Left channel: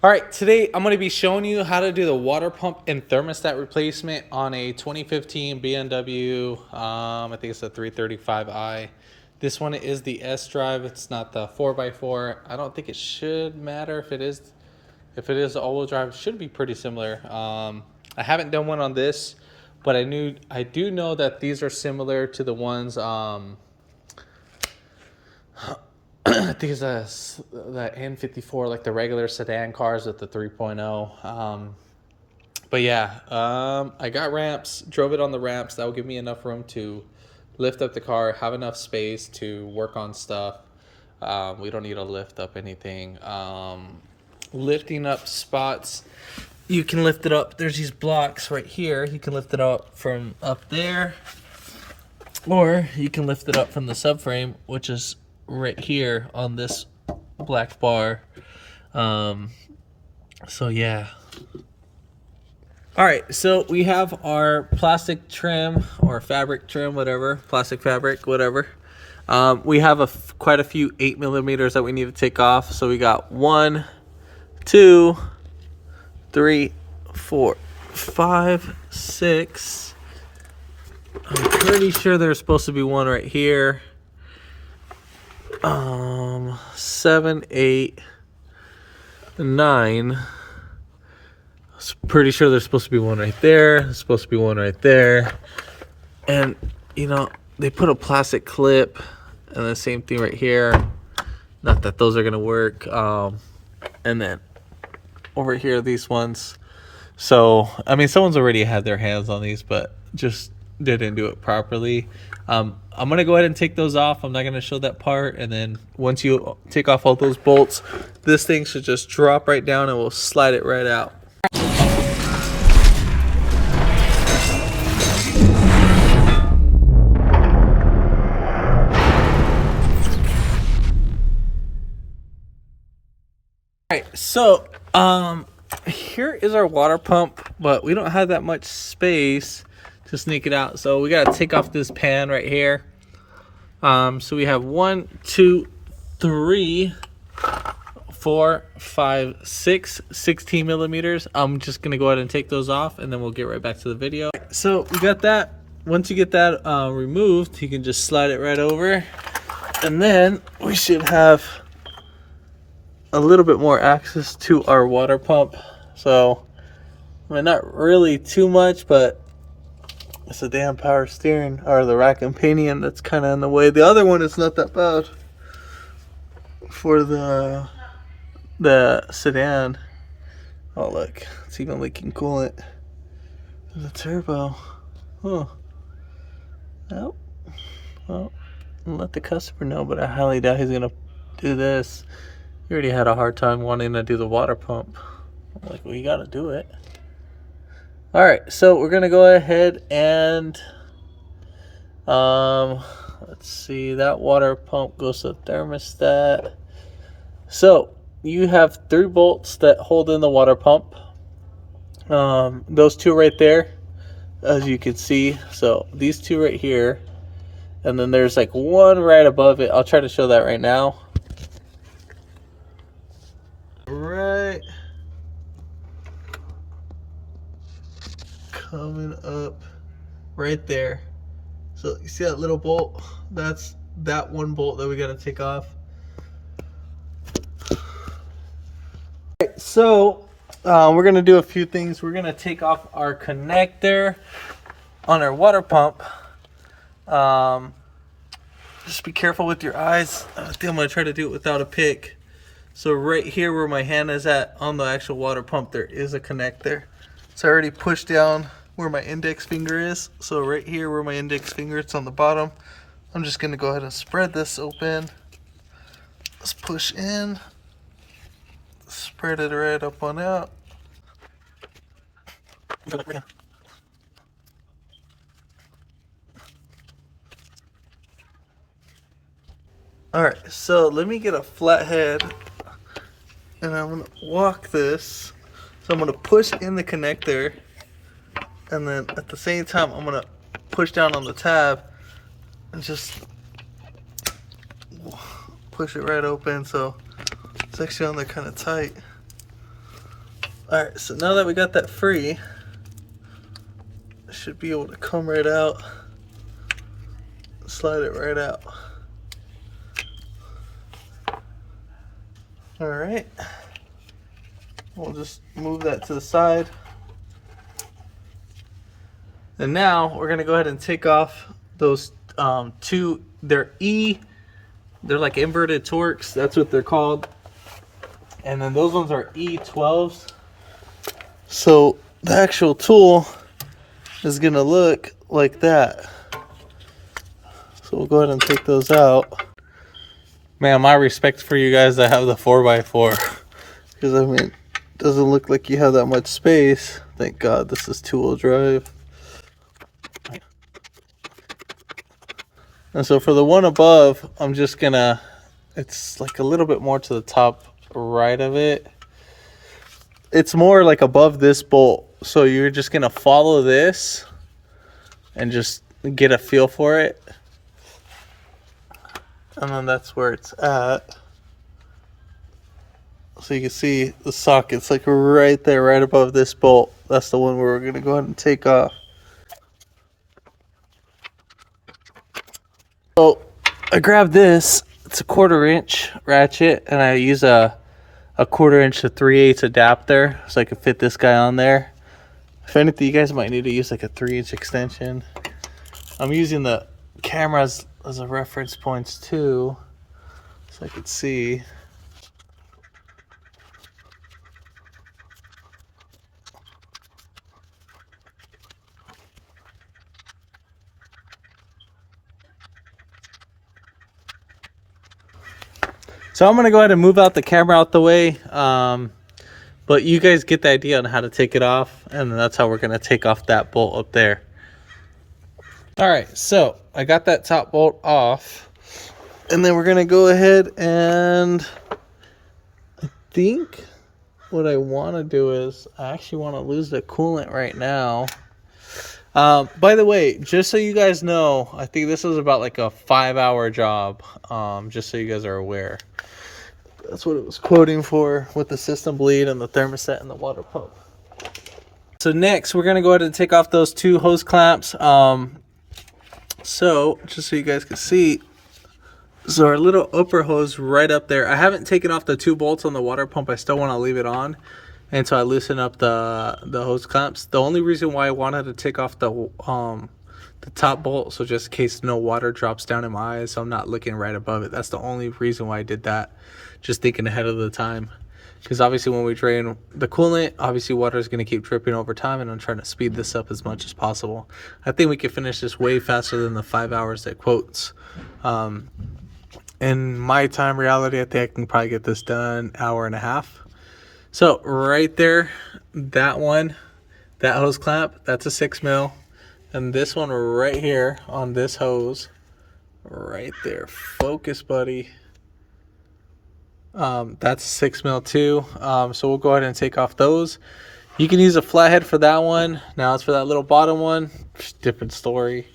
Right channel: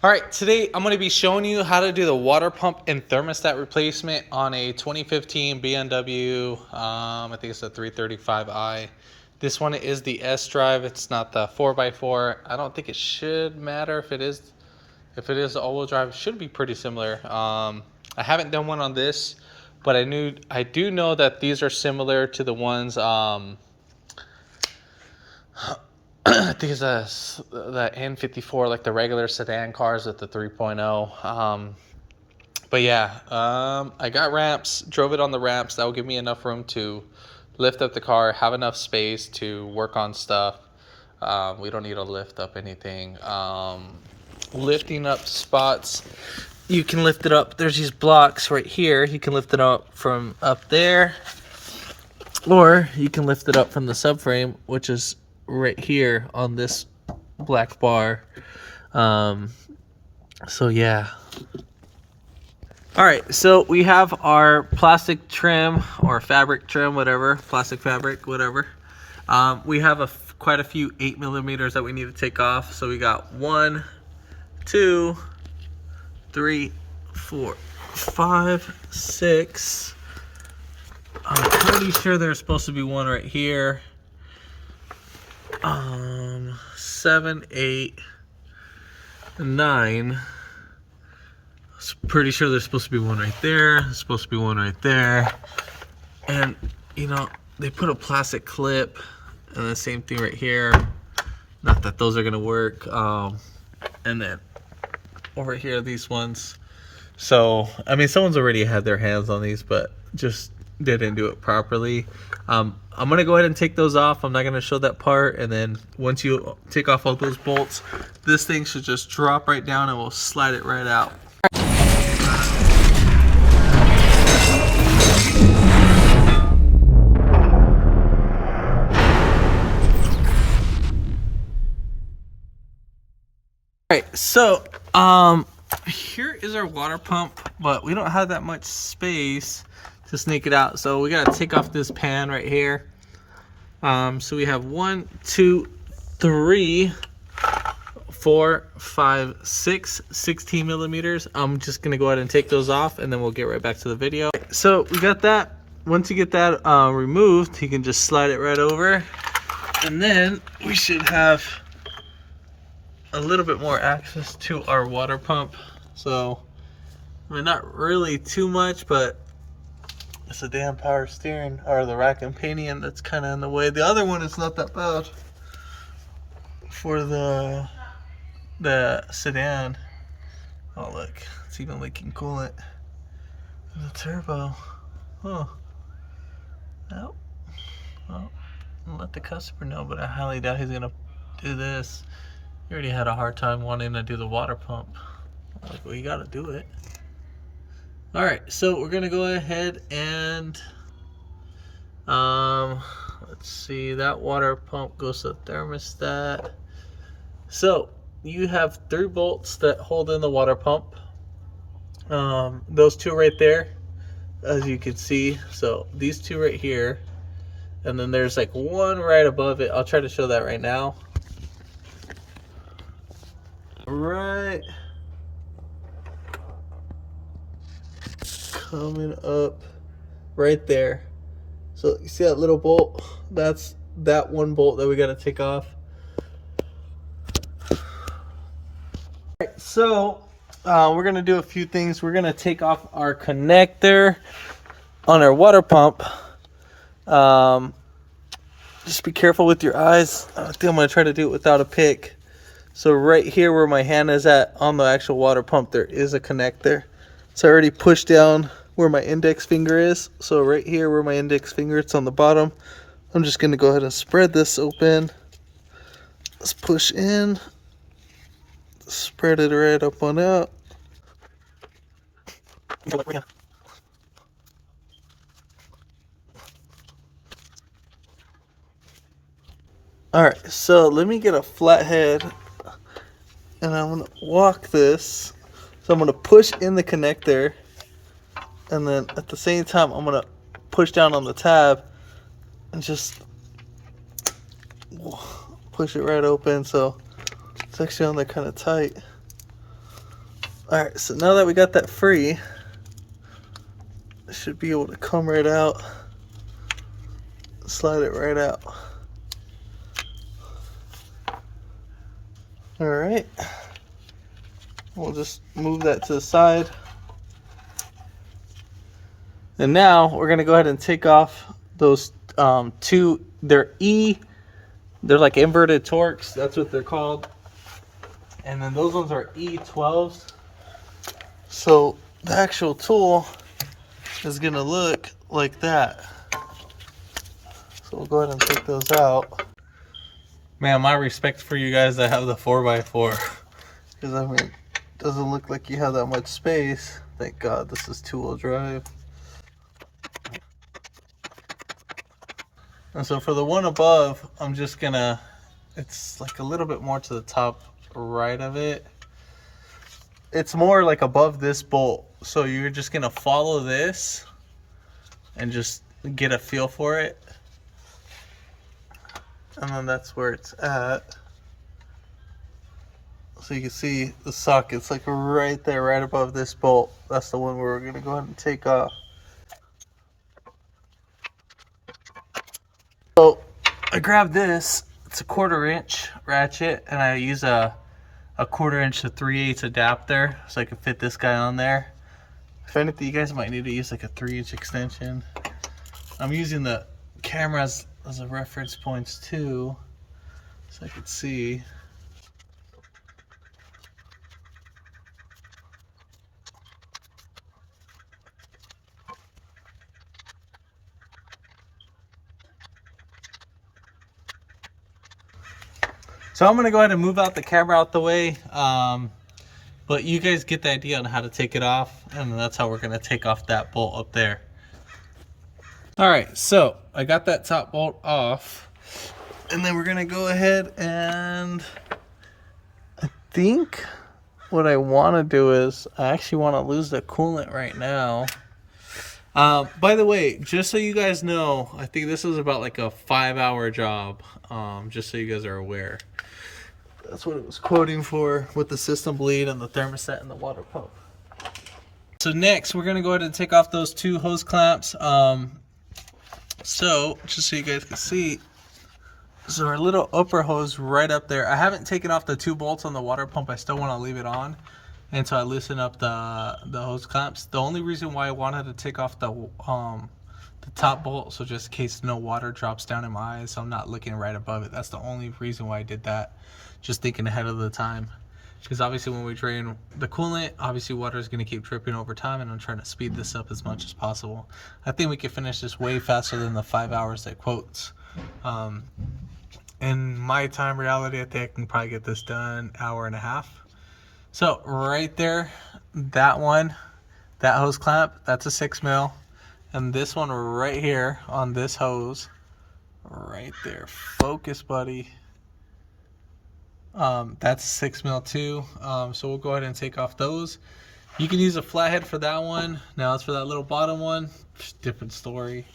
All right, today I'm going to be showing you how to do the water pump and thermostat replacement on a 2015 BMW, I think it's a 335i. This one is the S drive. It's not the 4x4. I don't think it should matter if it is. If it is the all-wheel drive, it should be pretty similar. I haven't done one on this, but I do know that these are similar to the ones. I think it's the N54, like the regular sedan cars with the 3.0. But yeah, I got ramps, drove it on the ramps. That will give me enough room to lift up the car, have enough space to work on stuff. We don't need to lift up anything. Lifting up spots, you can lift it up. There's these blocks right here. You can lift it up from up there, or you can lift it up from the subframe, which is right here on this black bar. So yeah. All right, so we have our plastic trim or fabric trim, whatever, plastic fabric, whatever. We have quite a few 8mm that we need to take off. So we got 1, 2, 3, 4, 5, 6. I'm pretty sure there's supposed to be one right here. 7, 8, 9. Pretty sure there's supposed to be one right there. There's supposed to be one right there. And you know, they put a plastic clip and the same thing right here. Not that those are gonna work. And then over here, these ones. So I mean, someone's already had their hands on these, but just didn't do it properly. I'm gonna go ahead and take those off. I'm not gonna show that part. And then once you take off all those bolts, this thing should just drop right down and we'll slide it right out. Alright, so here is our water pump, but we don't have that much space to sneak it out, so we gotta take off this pan right here. So we have 1, 2, 3, 4, 5, 6 16mm. I'm just gonna go ahead and take those off and then we'll get right back to the video. So we got that. Once you get that removed, you can just slide it right over, and then we should have a little bit more access to our water pump. So I mean, not really too much, but it's the damn power steering or the rack and pinion that's kind of in the way. The other one is not that bad for the sedan. Oh look, it's even leaking coolant in the turbo. Oh, well, I'll let the customer know, but I highly doubt he's gonna do this. He already had a hard time wanting to do the water pump. I'm like, well, you gotta do it. All right, so we're gonna go ahead and let's see, that water pump goes to the thermostat. So you have 3 bolts that hold in the water pump. Those 2 right there, as you can see. So these 2 right here, and then there's like one right above it. I'll try to show that right now. Right, coming up right there. So you see that little bolt? That's that one bolt that we got to take off. Right, so we're gonna do a few things. We're gonna take off our connector on our water pump. Just be careful with your eyes. I think I'm gonna try to do it without a pick. So right here where my hand is at on the actual water pump, there is a connector. So I already pushed down where my index finger is. So right here where my index finger, it's on the bottom. I'm just gonna go ahead and spread this open. Let's push in. Spread it right up on out. Alright, so let me get a flathead and I'm gonna walk this. So I'm gonna push in the connector, and then at the same time I'm gonna push down on the tab and just push it right open. So it's actually on there kind of tight. All right, so now that we got that free, it should be able to come right out, slide it right out. All right, we'll just move that to the side. And now we're gonna go ahead and take off those two, they're like inverted Torx, that's what they're called. And then those ones are E12s. So the actual tool is gonna look like that. So we'll go ahead and take those out. Man, my respect for you guys that have the 4x4. Because I mean, it doesn't look like you have that much space. Thank God this is 2-wheel drive. And so for the one above, I'm just gonna, it's like a little bit more to the top right of it. It's more like above this bolt. So you're just gonna follow this and just get a feel for it. And then that's where it's at. So you can see the socket's like right there, right above this bolt. That's the one where we're gonna go ahead and take off. So I grabbed this, it's a 1/4 inch ratchet, and I use a 1/4 inch to 3/8 adapter so I can fit this guy on there. If anything, you guys might need to use like a 3-inch extension. I'm using the cameras as a reference points too, so I could see. So I'm gonna go ahead and move out the camera out the way, but you guys get the idea on how to take it off, and that's how we're gonna take off that bolt up there. All right, so I got that top bolt off, and then we're gonna go ahead and I think what I wanna do is I actually wanna lose the coolant right now. By the way, just so you guys know, I think this is about like a 5-hour job, just so you guys are aware. That's what it was quoting for with the system bleed and the thermostat and the water pump. So next, we're gonna go ahead and take off those 2 hose clamps. So just so you guys can see, so our little upper hose right up there. I haven't taken off the 2 bolts on the water pump. I still want to leave it on until I loosen up the hose clamps. The only reason why I wanted to take off the top bolt, so just in case no water drops down in my eyes, so I'm not looking right above it. That's the only reason why I did that. Just thinking ahead of the time, because obviously when we drain the coolant, obviously water is going to keep dripping over time, and I'm trying to speed this up as much as possible. I think we can finish this way faster than the 5 hours that quotes. In my time reality, I think I can probably get this done 1.5 hours. So right there, that one, that hose clamp, that's a 6 mil, and this one right here on this hose, right there, focus, buddy. That's a 6 mil too. So we'll go ahead and take off those. You can use a flathead for that one. Now as for that little bottom one, just different story.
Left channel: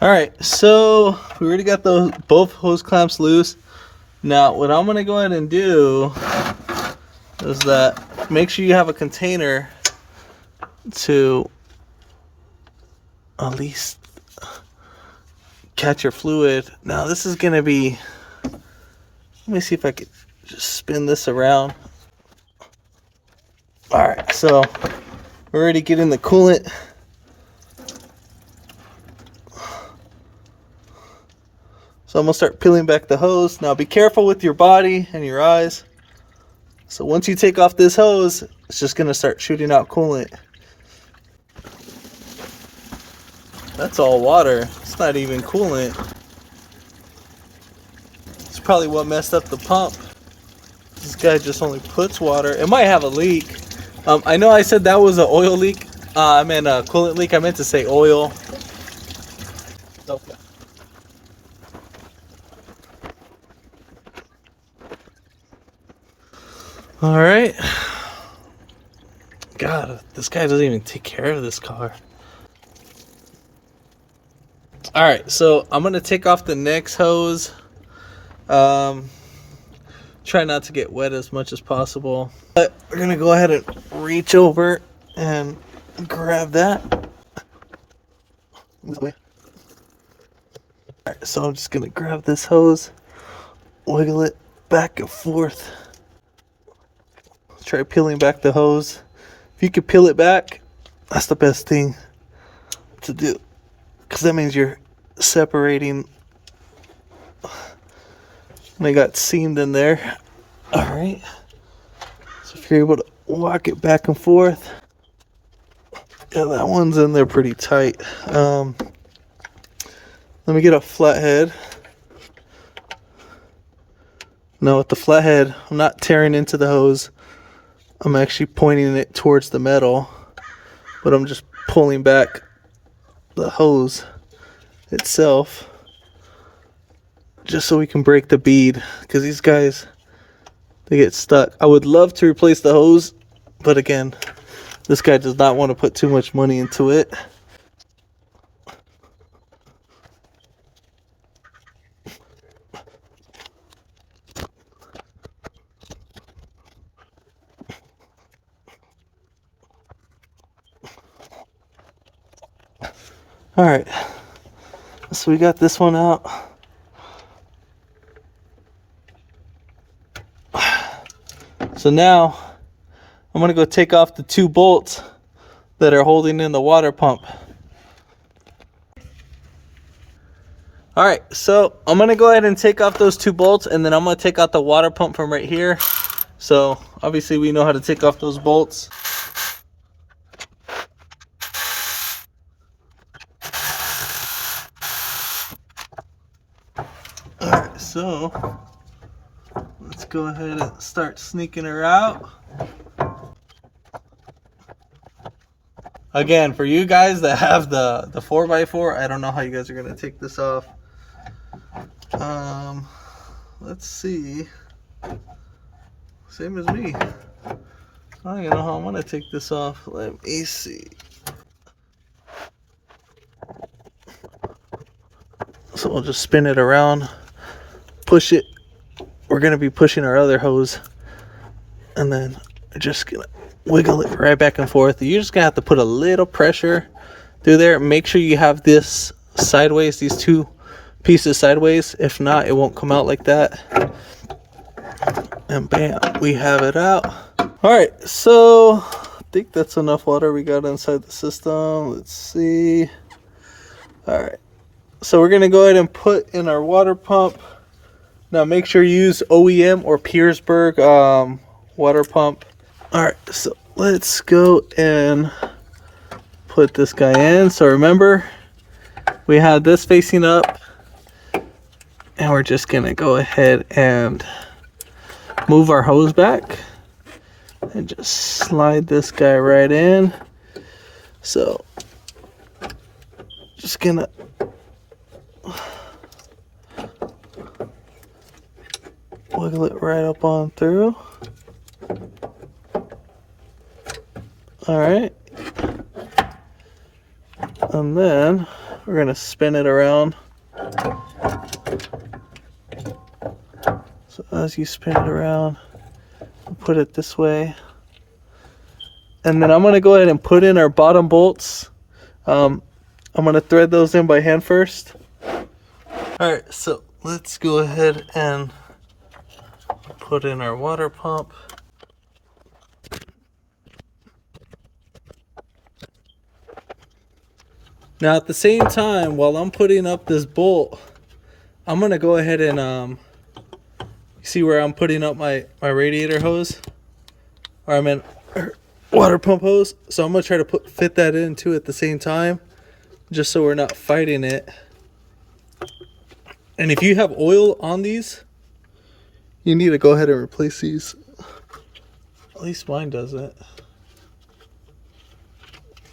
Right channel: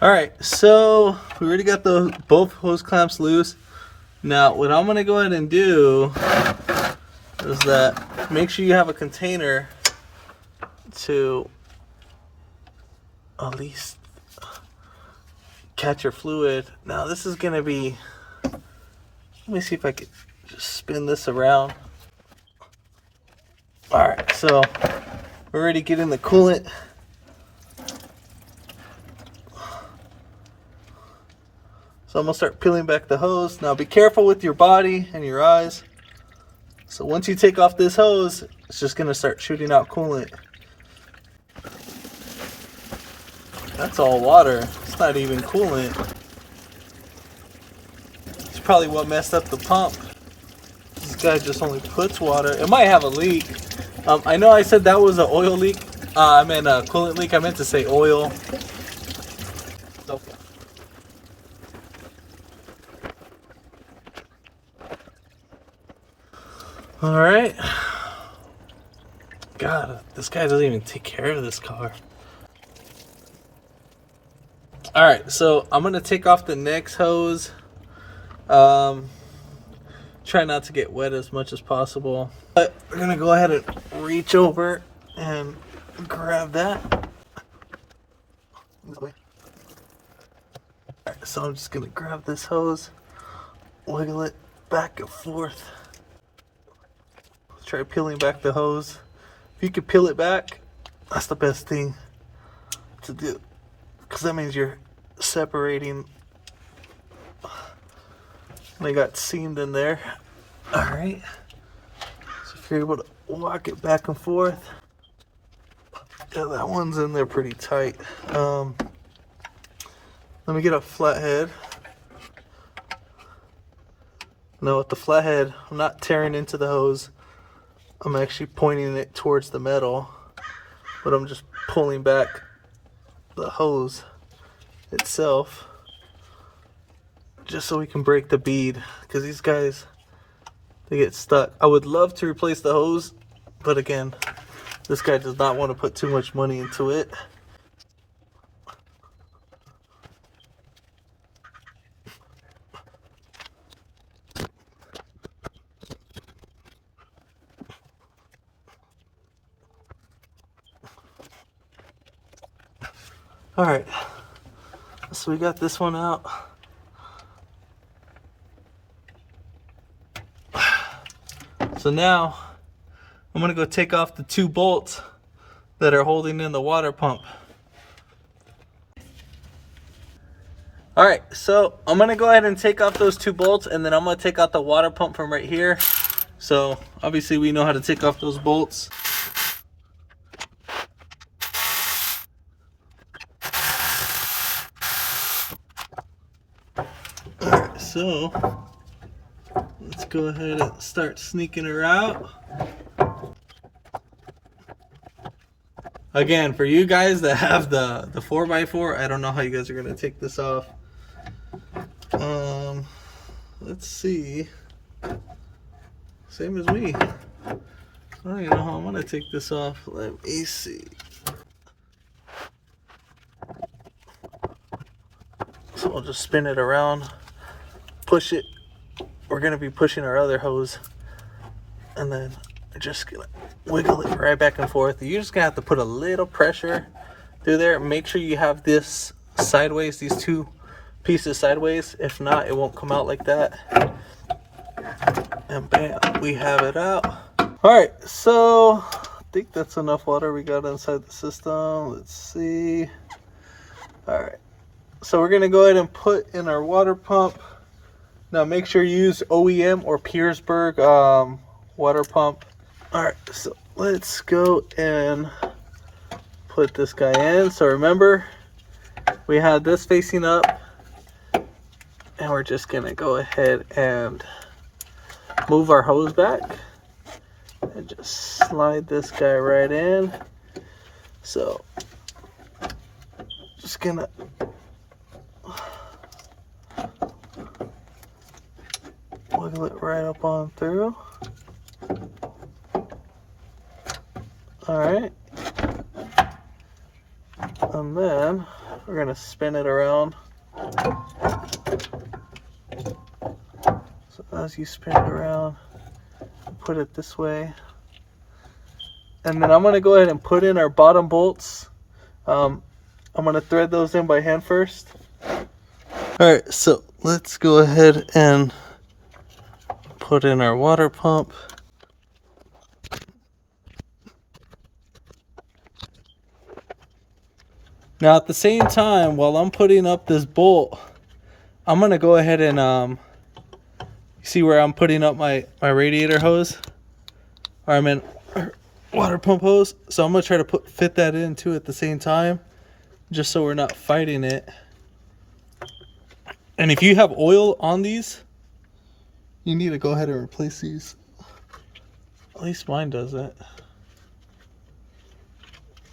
All right, so we already got both hose clamps loose. Now what I'm gonna go ahead and do is that make sure you have a container to at least catch your fluid. Now this is gonna be, let me see if I could just spin this around. All right, so we're already getting the coolant. So I'm gonna start peeling back the hose. Now be careful with your body and your eyes. So once you take off this hose, it's just gonna start shooting out coolant. That's all water. It's not even coolant. It's probably what messed up the pump. This guy just only puts water. It might have a leak. I know I said that was an oil leak. I meant a coolant leak. I meant to say oil. Okay. All right. God, this guy doesn't even take care of this car. All right, so I'm gonna take off the next hose. Try not to get wet as much as possible. But we're gonna go ahead and reach over and grab that. Alright, so I'm just gonna grab this hose, wiggle it back and forth. Try peeling back the hose. If you can peel it back, that's the best thing to do, because that means you're separating. They got seamed in there. All right, so if you're able to walk it back and forth, yeah, that one's in there pretty tight. Let me get a flathead. Now with the flathead, I'm not tearing into the hose. I'm actually pointing it towards the metal, but I'm just pulling back the hose itself just so we can break the bead, because these guys, they get stuck. I would love to replace the hose, but again, this guy does not want to put too much money into it. All right, so we got this one out. So now I'm gonna go take off the 2 bolts that are holding in the water pump. All right, so I'm gonna go ahead and take off those 2 bolts, and then I'm gonna take out the water pump from right here. So obviously we know how to take off those bolts. All right, so let's go ahead and start sneaking her out. Again, for you guys that have the 4x4, I don't know how you guys are gonna take this off. Let's see. Same as me. I don't even know how I'm gonna take this off. Let me see. So we'll just spin it around, push it. We're gonna be pushing our other hose, and then we're just gonna wiggle it right back and forth. You're just gonna have to put a little pressure through there. Make sure you have this sideways, these 2 pieces sideways. If not, it won't come out like that. And bam, we have it out. All right, so I think that's enough water we got inside the system. Let's see. All right, so we're gonna go ahead and put in our water pump. Now make sure you use OEM or Petersburg water pump. All right, so let's go and put this guy in. So remember, we had this facing up, and we're just gonna go ahead and move our hose back and just slide this guy right in. So just gonna wiggle it right up on through. All right, and then we're gonna spin it around. So as you spin it around, put it this way, and then I'm gonna go ahead and put in our bottom bolts. I'm gonna thread those in by hand first. All right, so let's go ahead and put in our water pump. Now at the same time, while I'm putting up this bolt, I'm gonna go ahead and see where I'm putting up my radiator hose, or I meant water pump hose. So I'm gonna try to fit that in too at the same time, just so we're not fighting it. And if you have oil on these, you need to go ahead and replace these. At least mine doesn't.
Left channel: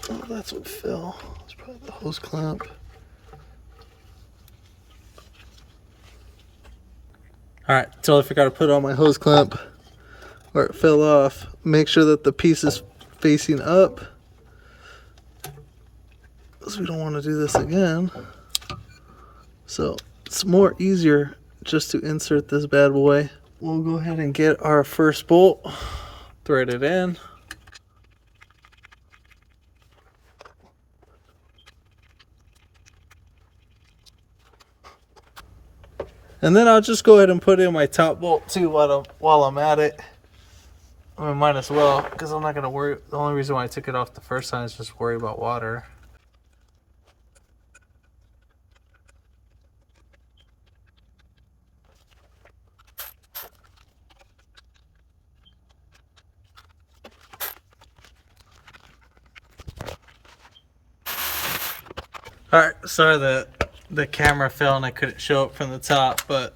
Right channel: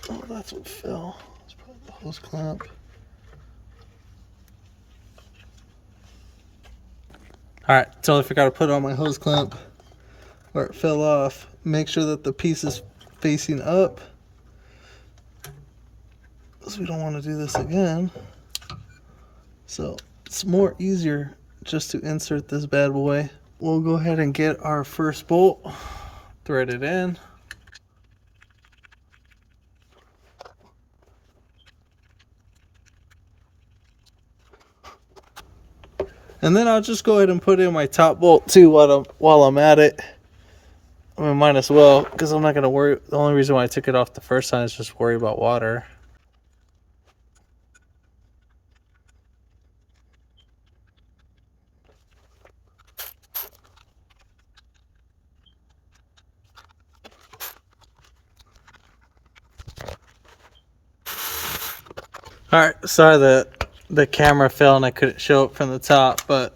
Oh, that's what fell. It's probably the hose clamp. Alright, totally forgot to put on my hose clamp where it fell off. Make sure that the piece is facing up, because we don't want to do this again. So it's more easier just to insert this bad boy. We'll go ahead and get our first bolt, thread it in. And then I'll just go ahead and put in my top bolt too while I'm at it. I mean, might as well, because I'm not going to worry. The only reason why I took it off the first time is just worry about water. Alright, sorry that the camera fell and I couldn't show it from the top, but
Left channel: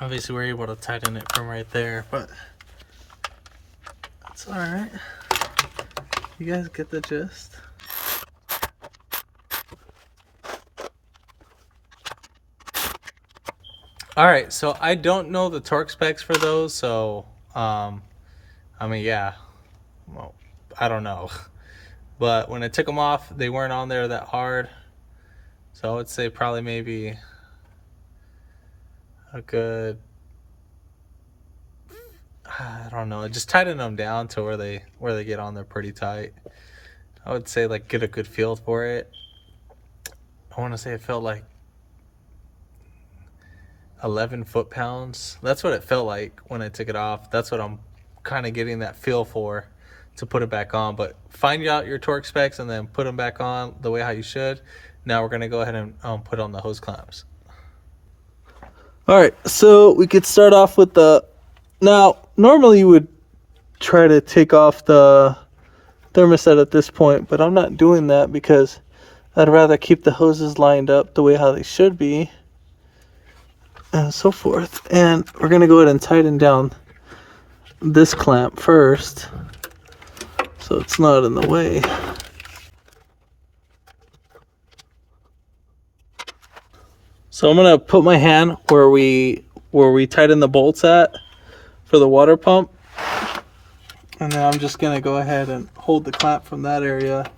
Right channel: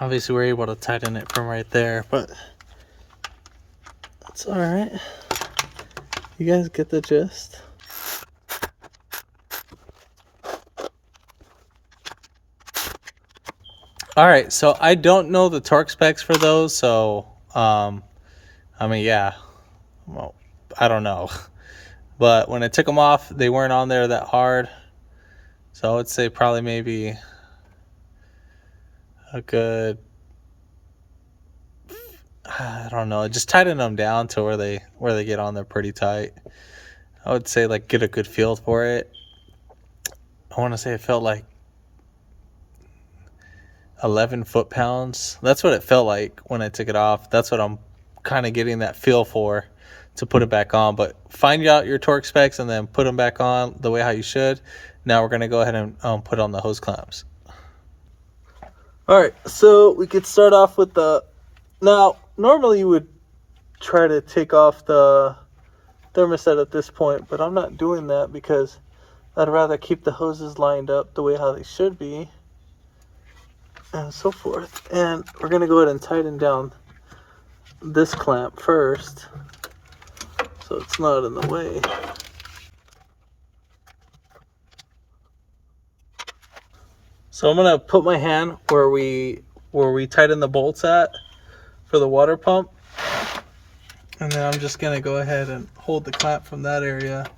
obviously we're able to tighten it from right there, but that's alright. You guys get the gist? Alright, so I don't know the torque specs for those, so I mean, yeah, well, I don't know. But when I took them off, they weren't on there that hard. So I would say probably maybe a good, I don't know, just tighten them down to where they get on there pretty tight. I would say like get a good feel for it. I want to say it felt like 11 foot-pounds. That's what it felt like when I took it off. That's what I'm kind of getting that feel for to put it back on. But find out your torque specs and then put them back on the way how you should. Now we're going to go ahead and put on the hose clamps. All right, so we could start off with now normally you would try to take off the thermostat at this point, but I'm not doing that because I'd rather keep the hoses lined up the way how they should be and so forth. And we're going to go ahead and tighten down this clamp first so it's not in the way. So I'm gonna put my hand where we tighten the bolts at for the water pump, and then I'm just gonna go ahead and hold the clamp from that area.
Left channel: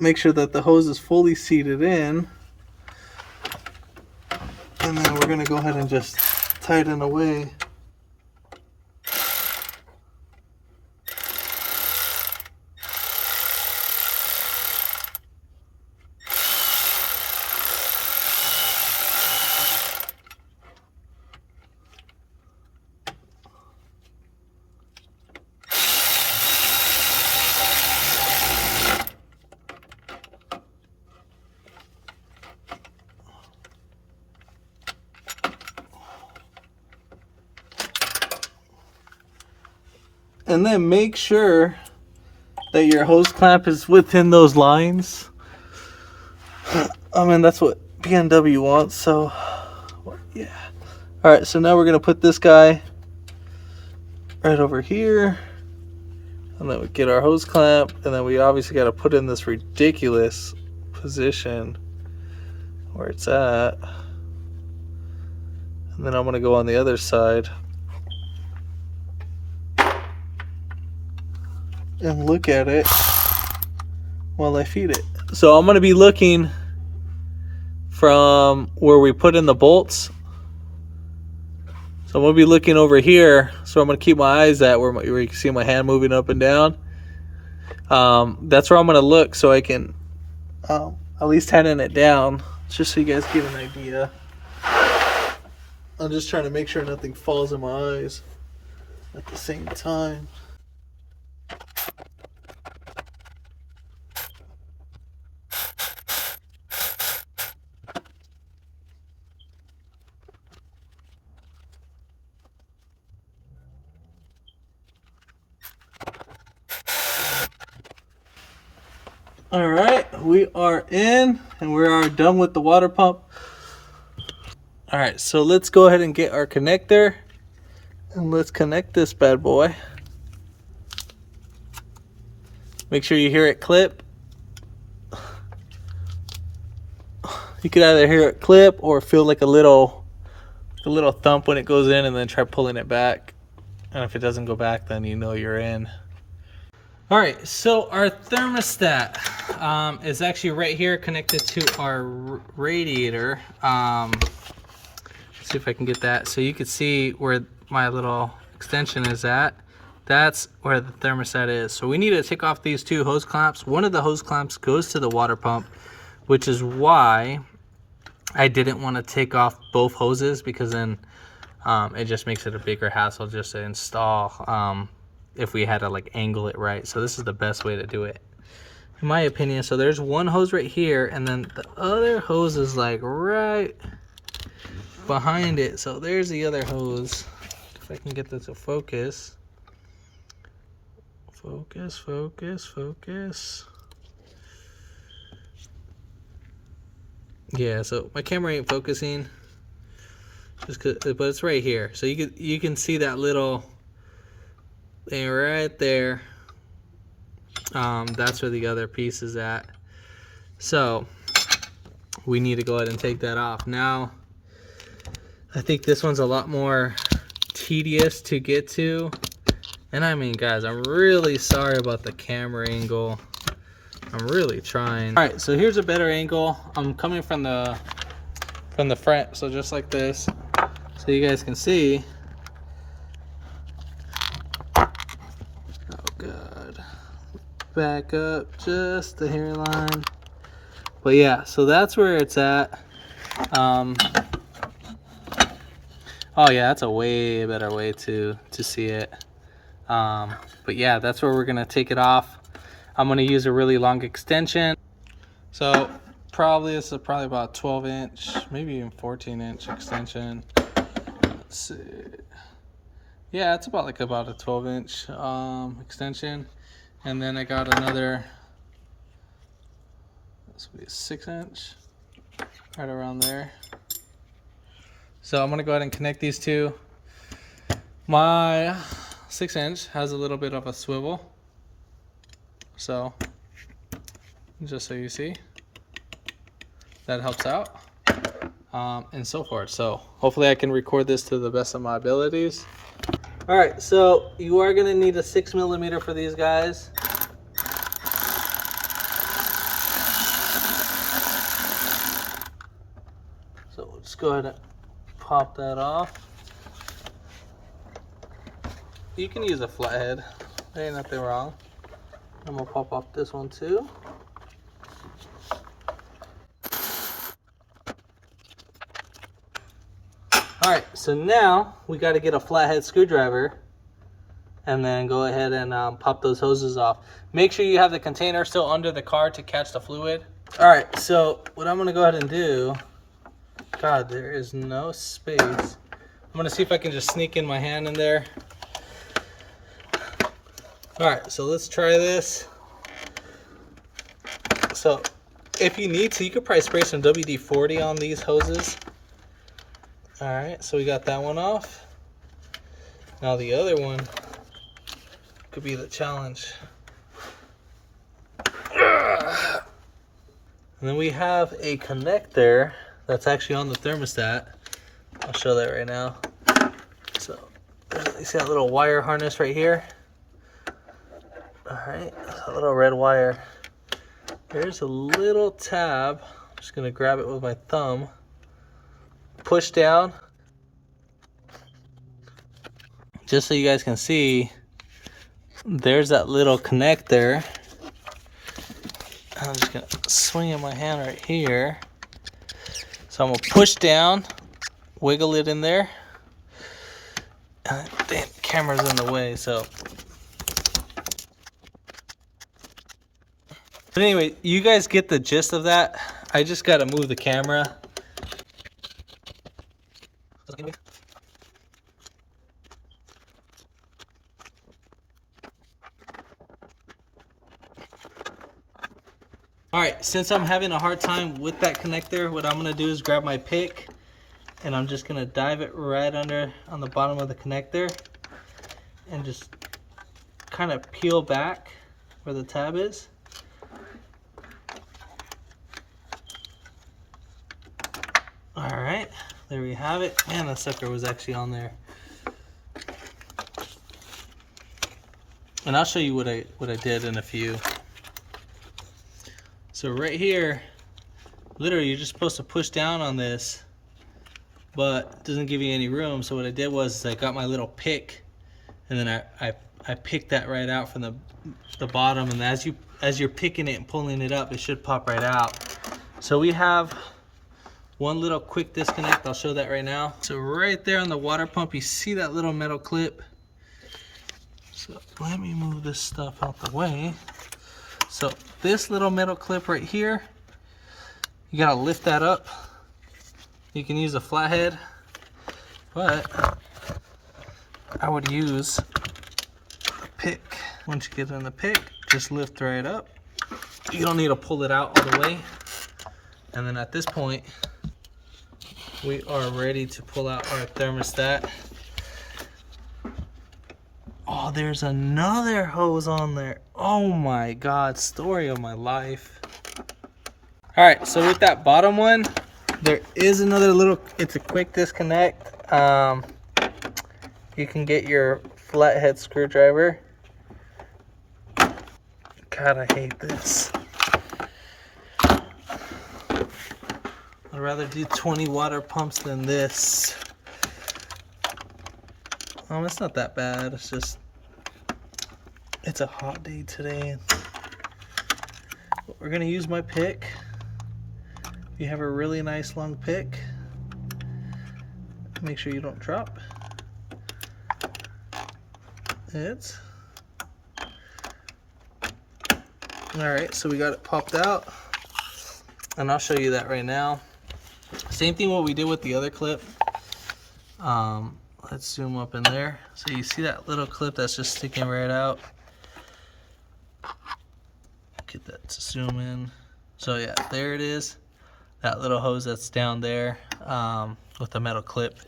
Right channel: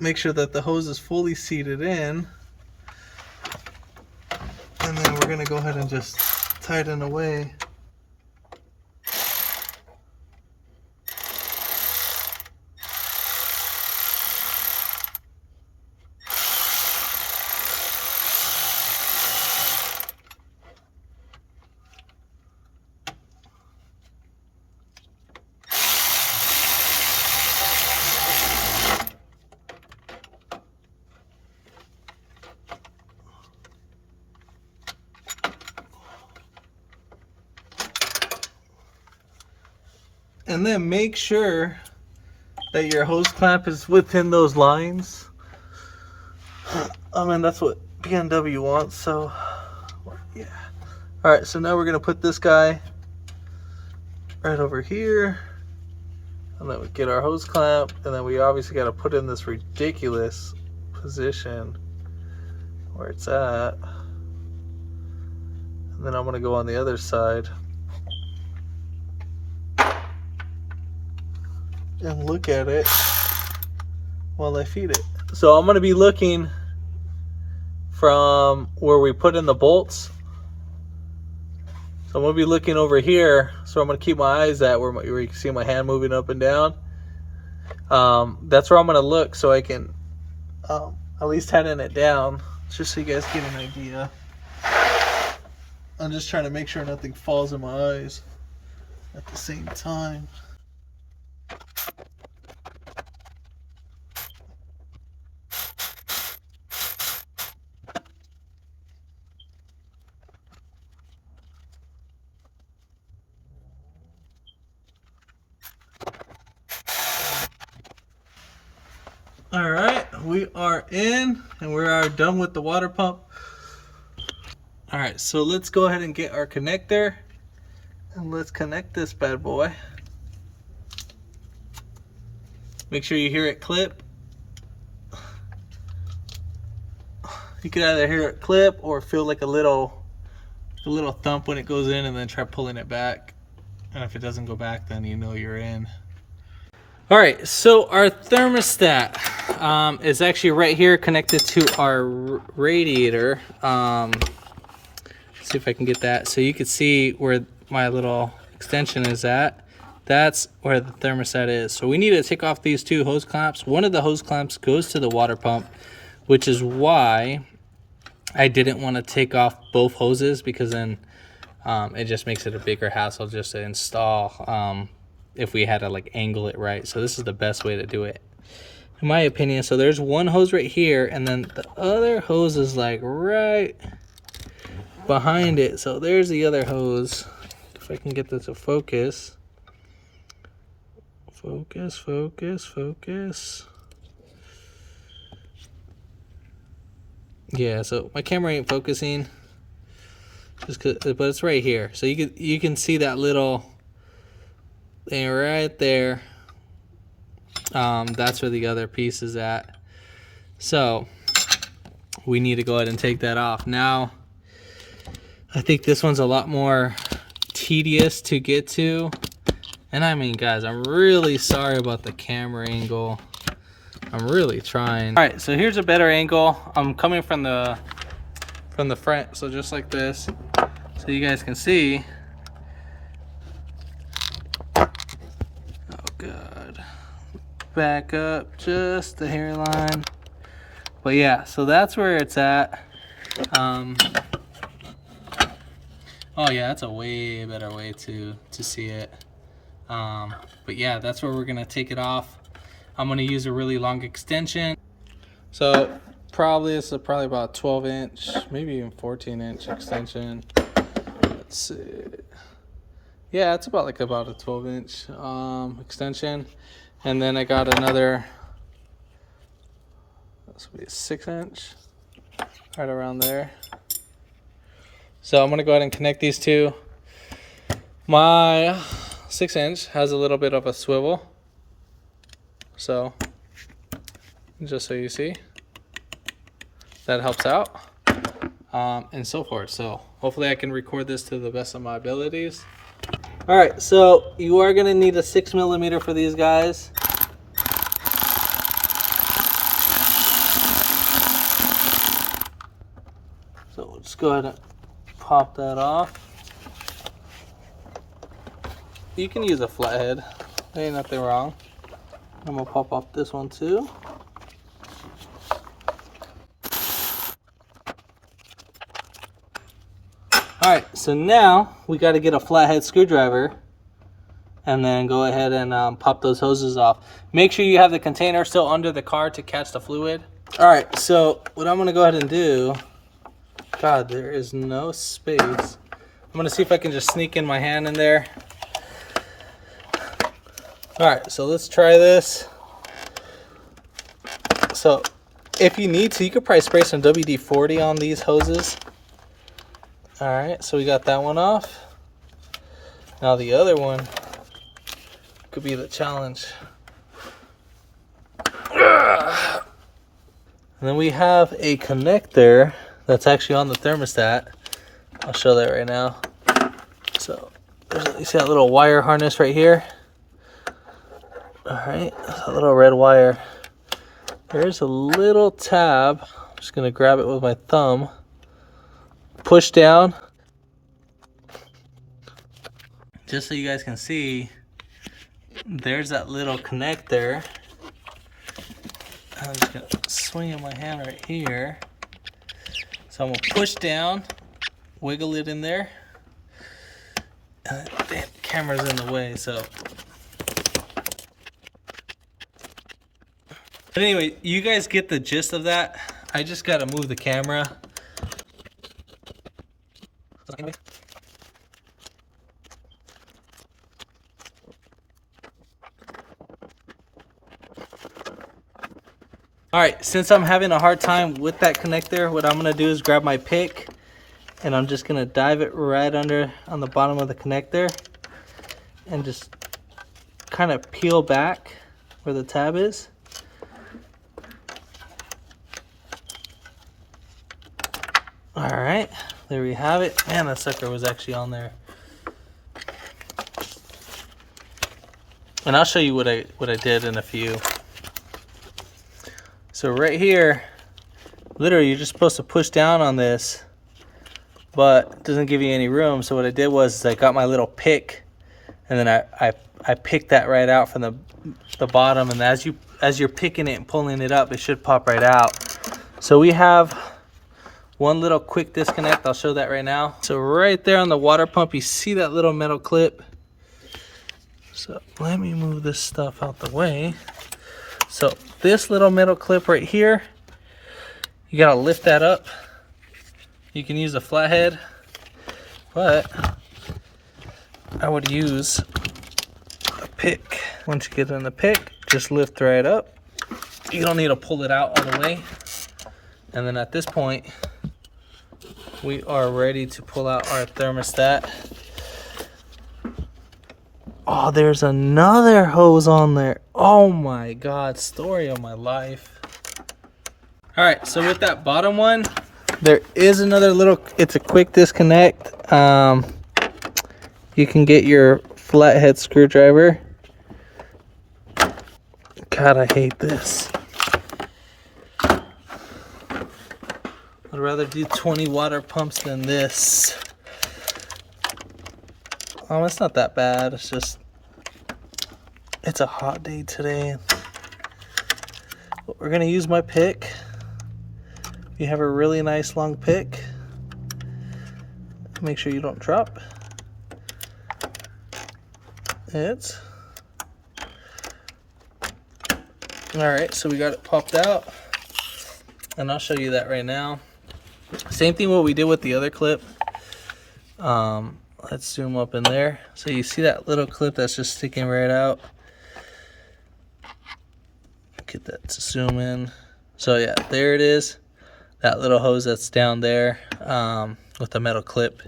Make sure that the hose is fully seated in, and then we're gonna go ahead and just tighten away. And then make sure that your hose clamp is within those lines. I mean, that's what Bmw wants, so yeah. All right, so now we're gonna put this guy right over here, and then we get our hose clamp, and then we obviously got to put in this ridiculous position where it's at, and then I'm gonna go on the other side and look at it while I feed it. So I'm gonna be looking from where we put in the bolts. So I'm gonna be looking over here. So I'm gonna keep my eyes at where you can see my hand moving up and down. That's where I'm gonna look so I can at least tighten it down, just so you guys get an idea. I'm just trying to make sure nothing falls in my eyes at the same time. All right, we are in and we are done with the water pump. All right, so let's go ahead and get our connector and let's connect this bad boy. Make sure you hear it clip. You could either hear it clip or feel like a little thump when it goes in, and then try pulling it back. And if it doesn't go back, then you know you're in. All right, so our thermostat is actually right here connected to our radiator. See if I can get that so you can see where my little extension is at. That's where the thermostat is. So we need to take off these two hose clamps. One of the hose clamps goes to the water pump, which is why I didn't want to take off both hoses, because then it just makes it a bigger hassle just to install if we had to like angle it right. So this is the best way to do it, in my opinion. So there's one hose right here, and then the other hose is like right behind it. So there's the other hose. If I can get this to focus. Focus, focus, focus. Yeah, so my camera ain't focusing, just 'cause, but it's right here. So you can see that little thing right there. That's where the other piece is at. So we need to go ahead and take that off. Now, I think this one's a lot more tedious to get to. And I mean, guys, I'm really sorry about the camera angle. I'm really trying. All right, so here's a better angle. I'm coming from the front, so just like this, so you guys can see. Oh God, back up just the hairline. But yeah, so that's where it's at. Oh yeah, that's a way better way to see it. But yeah, that's where we're gonna take it off. I'm gonna use a really long extension. So this is probably about 12-inch, maybe even 14-inch extension. Let's see. Yeah, it's about a 12-inch extension. And then I got another, this will be a 6-inch, right around there. So I'm gonna go ahead and connect these two. My 6-inch has a little bit of a swivel, so just so you see, that helps out, and so forth. So hopefully I can record this to the best of my abilities. All right, so you are gonna need a 6mm for these guys. So we'll just go ahead and pop that off. You can use a flathead, there ain't nothing wrong. I'm gonna pop off this one too. Alright, so now we got to get a flathead screwdriver and then go ahead and pop those hoses off. Make sure you have the container still under the car to catch the fluid. Alright, so what I'm gonna go ahead and do, God, there is no space. I'm gonna see if I can just sneak in my hand in there. Alright, so let's try this. So if you need to, you could probably spray some WD-40 on these hoses. Alright, so we got that one off. Now the other one could be the challenge. And then we have a connector that's actually on the thermostat. I'll show that right now. So you see that little wire harness right here? Alright, a little red wire. There's a little tab. I'm just gonna grab it with my thumb. Push down. Just so you guys can see, there's that little connector. I'm just gonna swing in my hand right here. So I'm gonna push down, wiggle it in there. The camera's in the way, so. But anyway, you guys get the gist of that. I just gotta move the camera. All right, since I'm having a hard time with that connector, what I'm gonna do is grab my pick and I'm just gonna dive it right under on the bottom of the connector and just kind of peel back where the tab is. All right, there we have it. And the sucker was actually on there. And I'll show you what I did in a few. So right here, literally you're just supposed to push down on this, but it doesn't give you any room. So what I did was I got my little pick, and then I picked that right out from the bottom, and as you're picking it and pulling it up, it should pop right out. So we have one little quick disconnect. I'll show that right now. So right there on the water pump, you see that little metal clip. So let me move this stuff out the way. So this little metal clip right here, you gotta lift that up. You can use a flathead, but I would use a pick. Once you get in the pick, just lift right up. You don't need to pull it out all the way. And then at this point, we are ready to pull out our thermostat. Oh, there's another hose on there. Oh my God, story of my life. All right, so with that bottom one, there is another little, it's a quick disconnect. You can get your flathead screwdriver. God, I hate this. I'd rather do 20 water pumps than this. Oh, it's not that bad. It's just, it's a hot day today. But we're gonna use my pick. You have a really nice long pick. Make sure you don't drop. It's all right. So we got it popped out, and I'll show you that right now. Same thing what we did with the other clip. Let's zoom up in there. So you see that little clip that's just sticking right out. Get that to zoom in. So yeah, there it is. That little hose that's down there with the metal clip.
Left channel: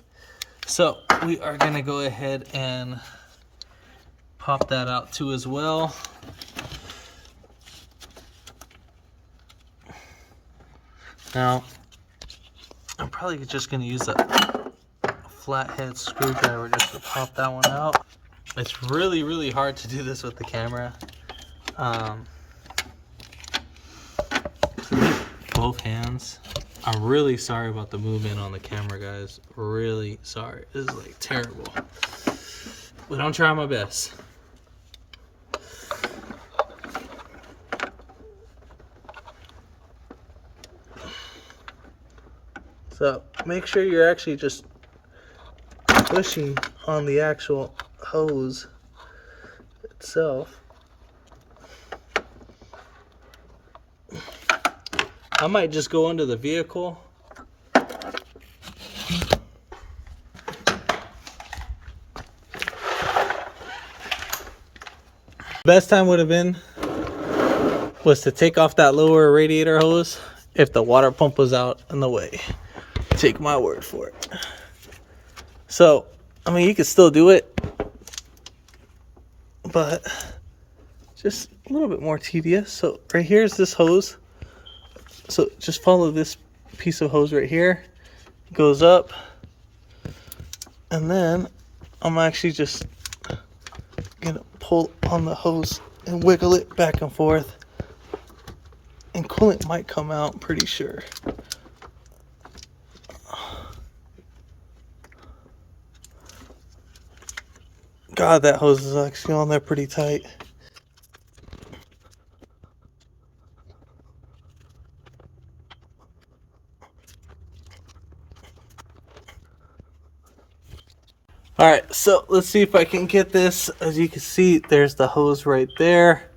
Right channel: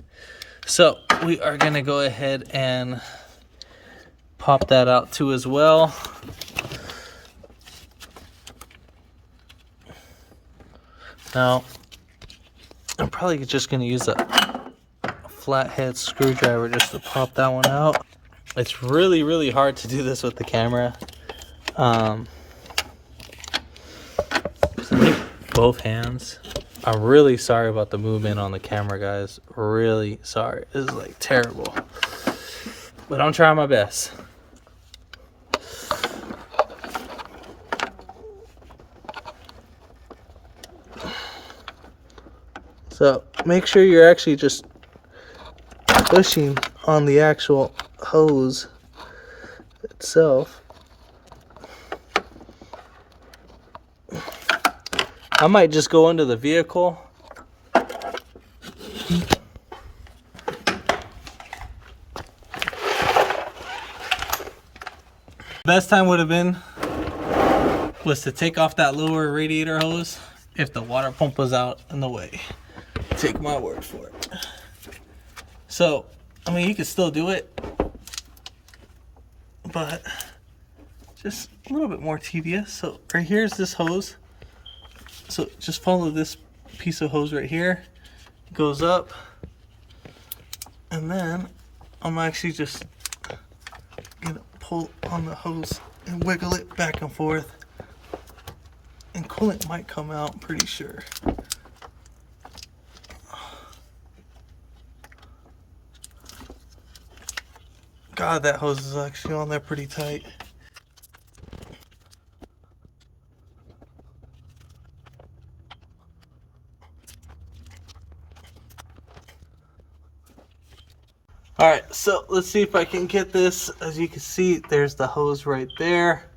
So we are gonna go ahead and pop that out too as well. Now, I'm probably just gonna use a flathead screwdriver just to pop that one out. It's really, really hard to do this with the camera. Both hands. I'm really sorry about the movement on the camera, guys. Really sorry. This is like terrible. But I'm trying my best. So make sure you're actually just pushing on the actual hose itself. I might just go into the vehicle. Best time would have been was to take off that lower radiator hose if the water pump was out in the way. Take my word for it. So, I mean, you can still do it, but just a little bit more tedious. So right here's this hose. So just follow this piece of hose right here. It goes up, and then I'm actually just gonna pull on the hose and wiggle it back and forth, and coolant might come out, I'm pretty sure. God, that hose is actually on there pretty tight. All right, so let's see if I can get this. As you can see, there's the hose right there.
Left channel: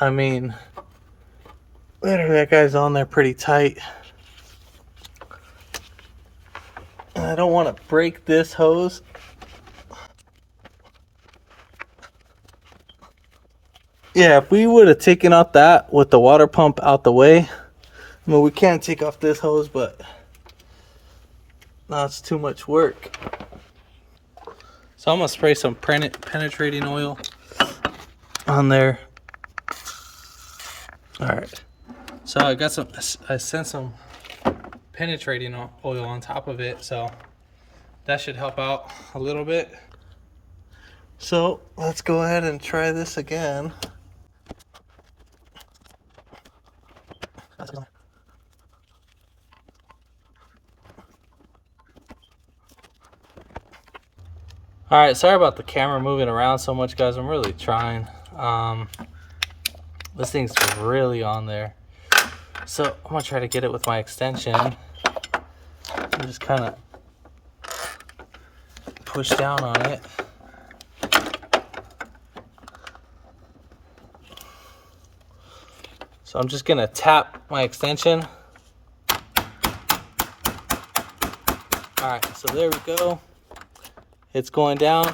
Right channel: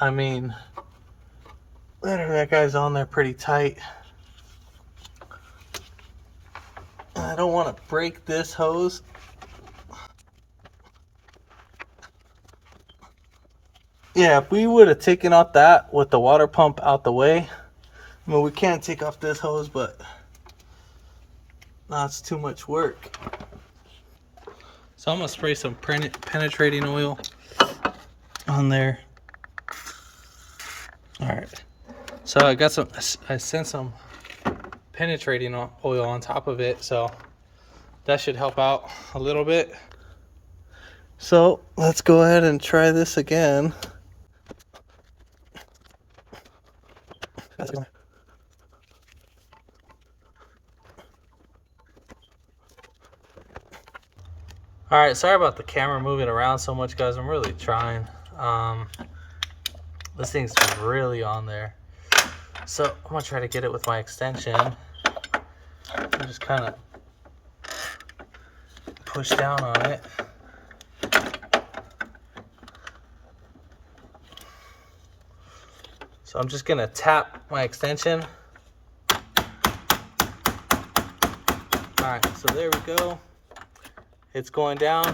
I mean, literally that guy's on there pretty tight. And I don't want to break this hose. Yeah, if we would have taken out that with the water pump out the way, I mean, we can't take off this hose, but now it's too much work. So I'm gonna spray some penetrating oil on there. All right, so I sent some penetrating oil on top of it, so that should help out a little bit. So let's go ahead and try this again. All right, sorry about the camera moving around so much, guys. I'm really trying. This thing's really on there. So I'm gonna try to get it with my extension. And just kind of push down on it. So I'm just gonna tap my extension. All right, so there we go. It's going down.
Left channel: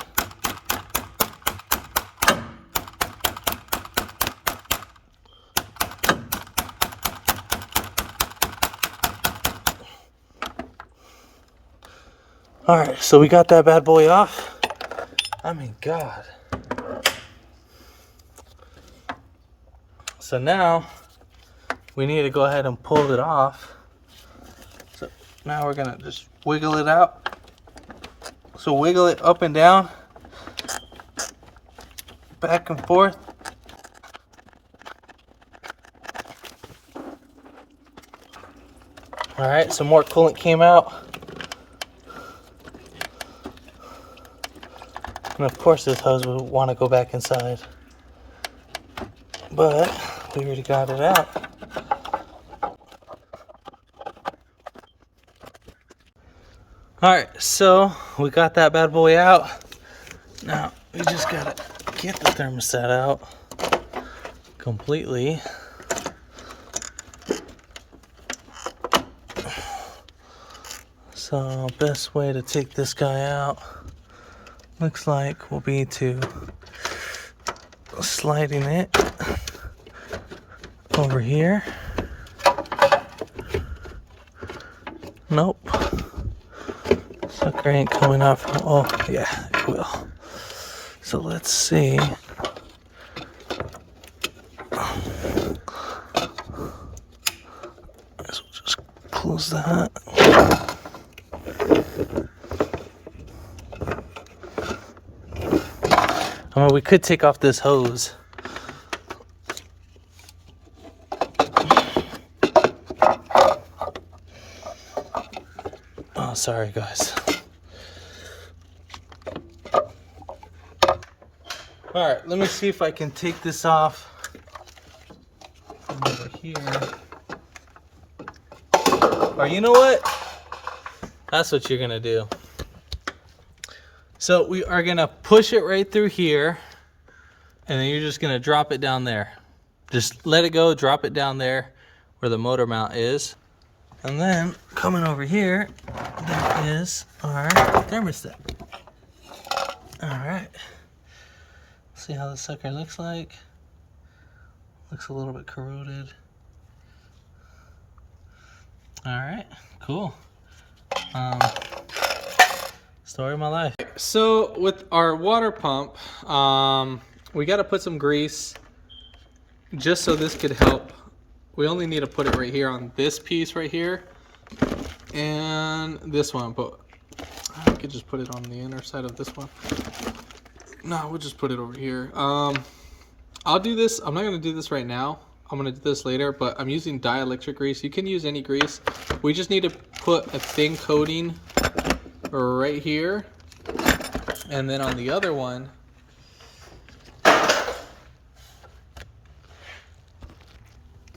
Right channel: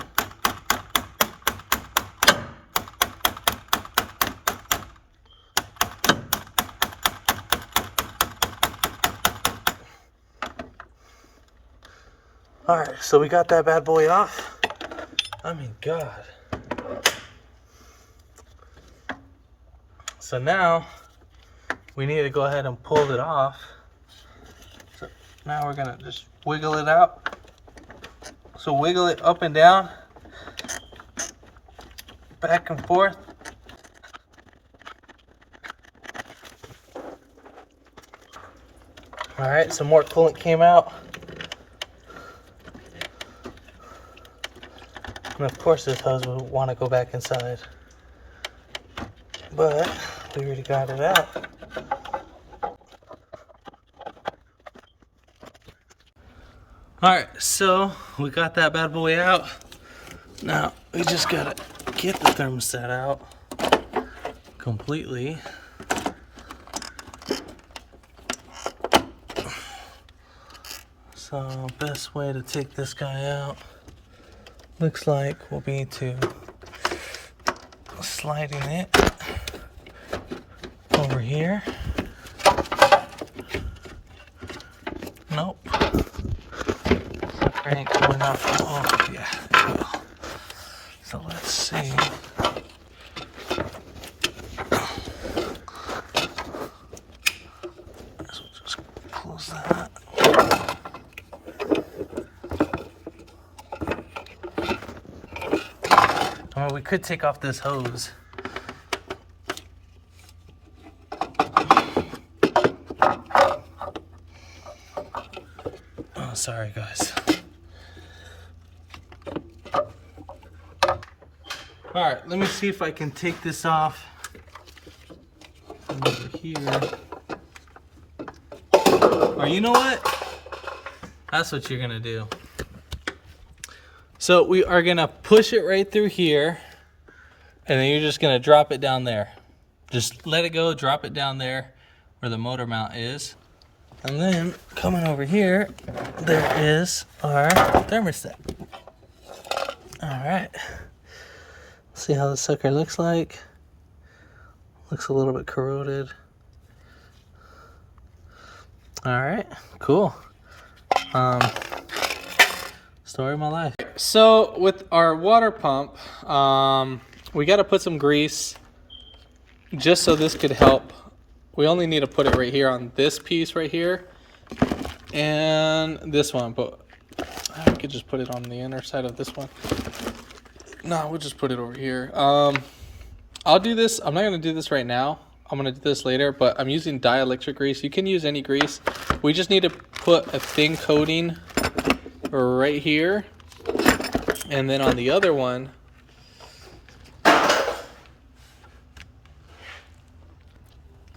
All right, so we got that bad boy off. I mean, God. So now we need to go ahead and pull it off. So now we're gonna just wiggle it out. So wiggle it up and down, back and forth. All right, some more coolant came out. And of course this hose would want to go back inside, but we already got it out. All right, so we got that bad boy out. Now we just gotta get the thermostat out completely. So best way to take this guy out looks like will be to sliding it over here. Nope. Sucker ain't coming off. Oh yeah, it will. So let's see. So just close that. I mean, we could take off this hose. Oh, sorry guys. All right, let me see if I can take this off over here. Or you know what? That's what you're gonna do. So we are gonna push it right through here, and then you're just gonna drop it down there. Just let it go, drop it down there where the motor mount is. And then coming over here, there is our thermostat. All right. See how the sucker looks like. Looks a little bit corroded. All right, cool. Story of my life. So with our water pump, we got to put some grease just so this could help. We only need to put it right here on this piece right here and this one, but I could just put it on the inner side of this one. No, we'll just put it over here. I'll do this. I'm not going to do this right now. I'm going to do this later, but I'm using dielectric grease. You can use any grease. We just need to put a thin coating right here, and then on the other one,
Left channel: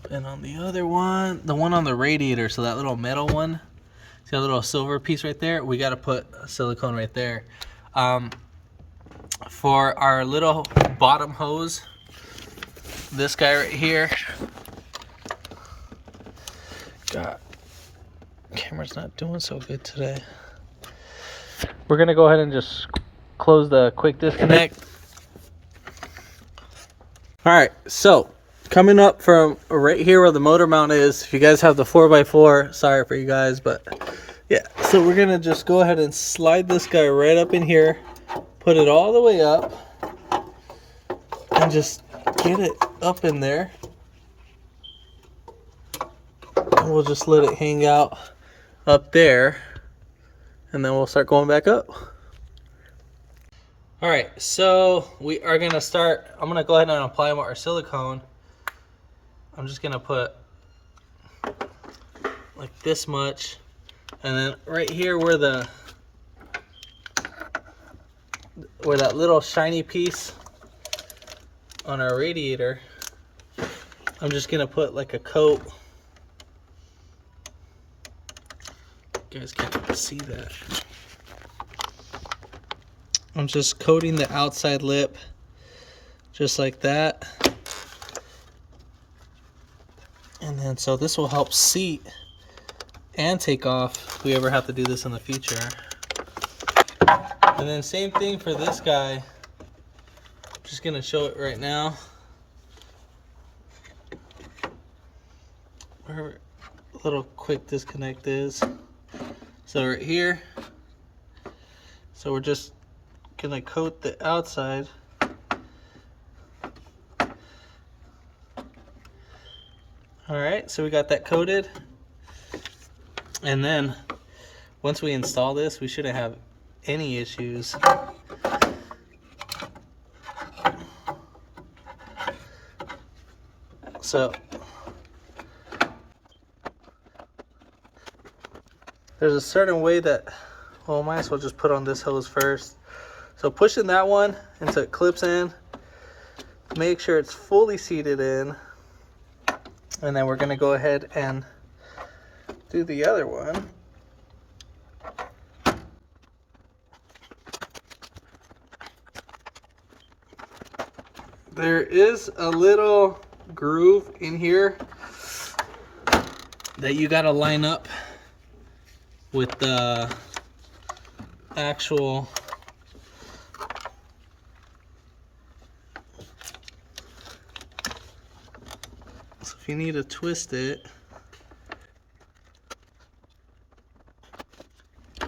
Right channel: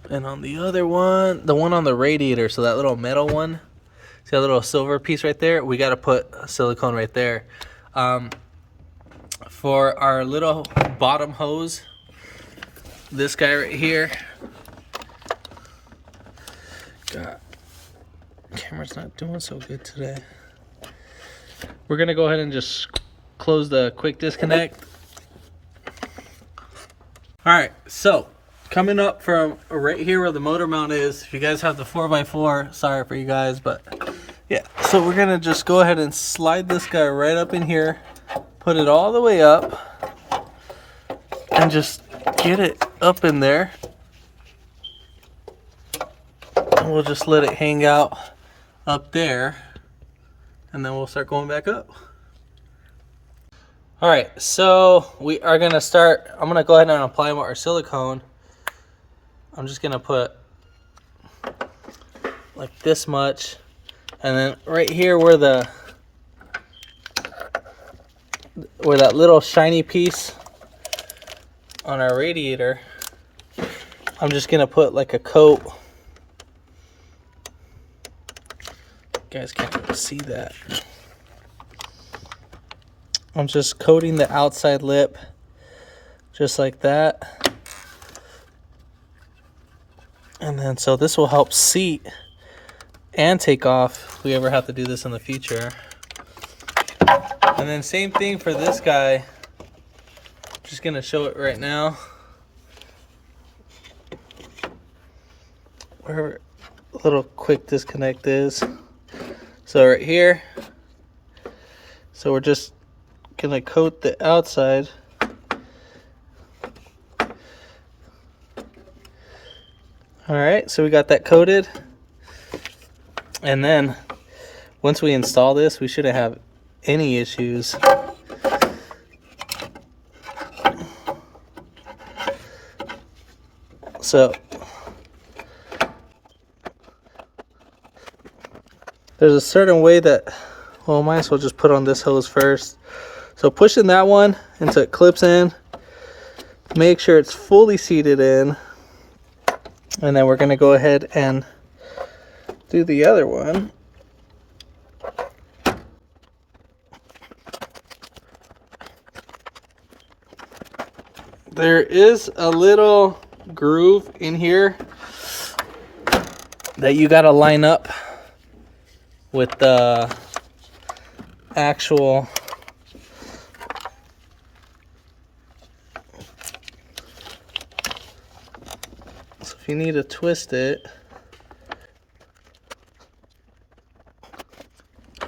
and on the other one, the one on the radiator, so that little metal one, see that little silver piece right there, we got to put silicone right there. For our little bottom hose, this guy right here, God, camera's not doing so good today. We're gonna go ahead and just close the quick disconnect. All right, so coming up from right here where the motor mount is, if you guys have the 4x4, sorry for you guys, but yeah, so we're gonna just go ahead and slide this guy right up in here, put it all the way up, and just get it up in there. And we'll just let it hang out up there, and then we'll start going back up. All right, so we are gonna start. I'm gonna go ahead and apply our silicone. I'm just gonna put like this much, and then right here where that little shiny piece on our radiator, I'm just gonna put like a coat. You guys can't really see that. I'm just coating the outside lip just like that. And then so this will help seat and take off if we ever have to do this in the future. And then same thing for this guy. Just gonna show it right now. Where a little quick disconnect is. So right here. So we're just gonna coat the outside. All right, so we got that coated. And then once we install this, we shouldn't have any issues. So there's a certain way that, well, might as well just put on this hose first. So pushing that one until it clips in, make sure it's fully seated in, and then we're gonna go ahead and do the other one. There is a little groove in here that you gotta line up with the actual if you need to twist it,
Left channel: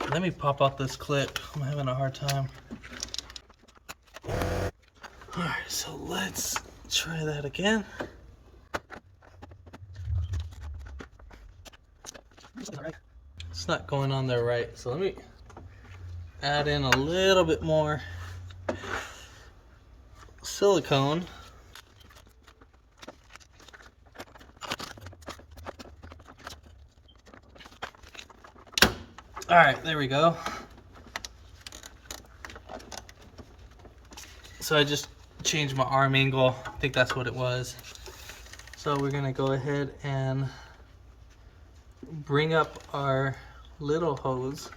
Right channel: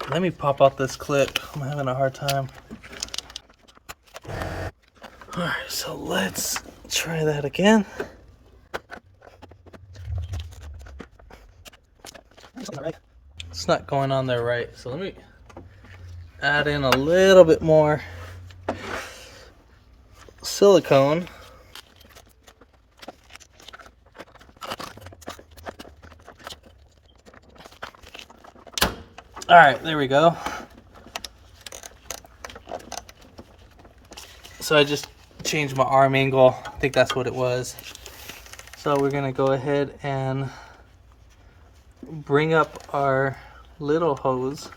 let me pop out this clip. I'm having a hard time. All right, so let's try that again. It's not going on there right, so let me add in a little bit more silicone. All right, there we go. So I just changed my arm angle. I think that's what it was. So we're gonna go ahead and bring up our little hose.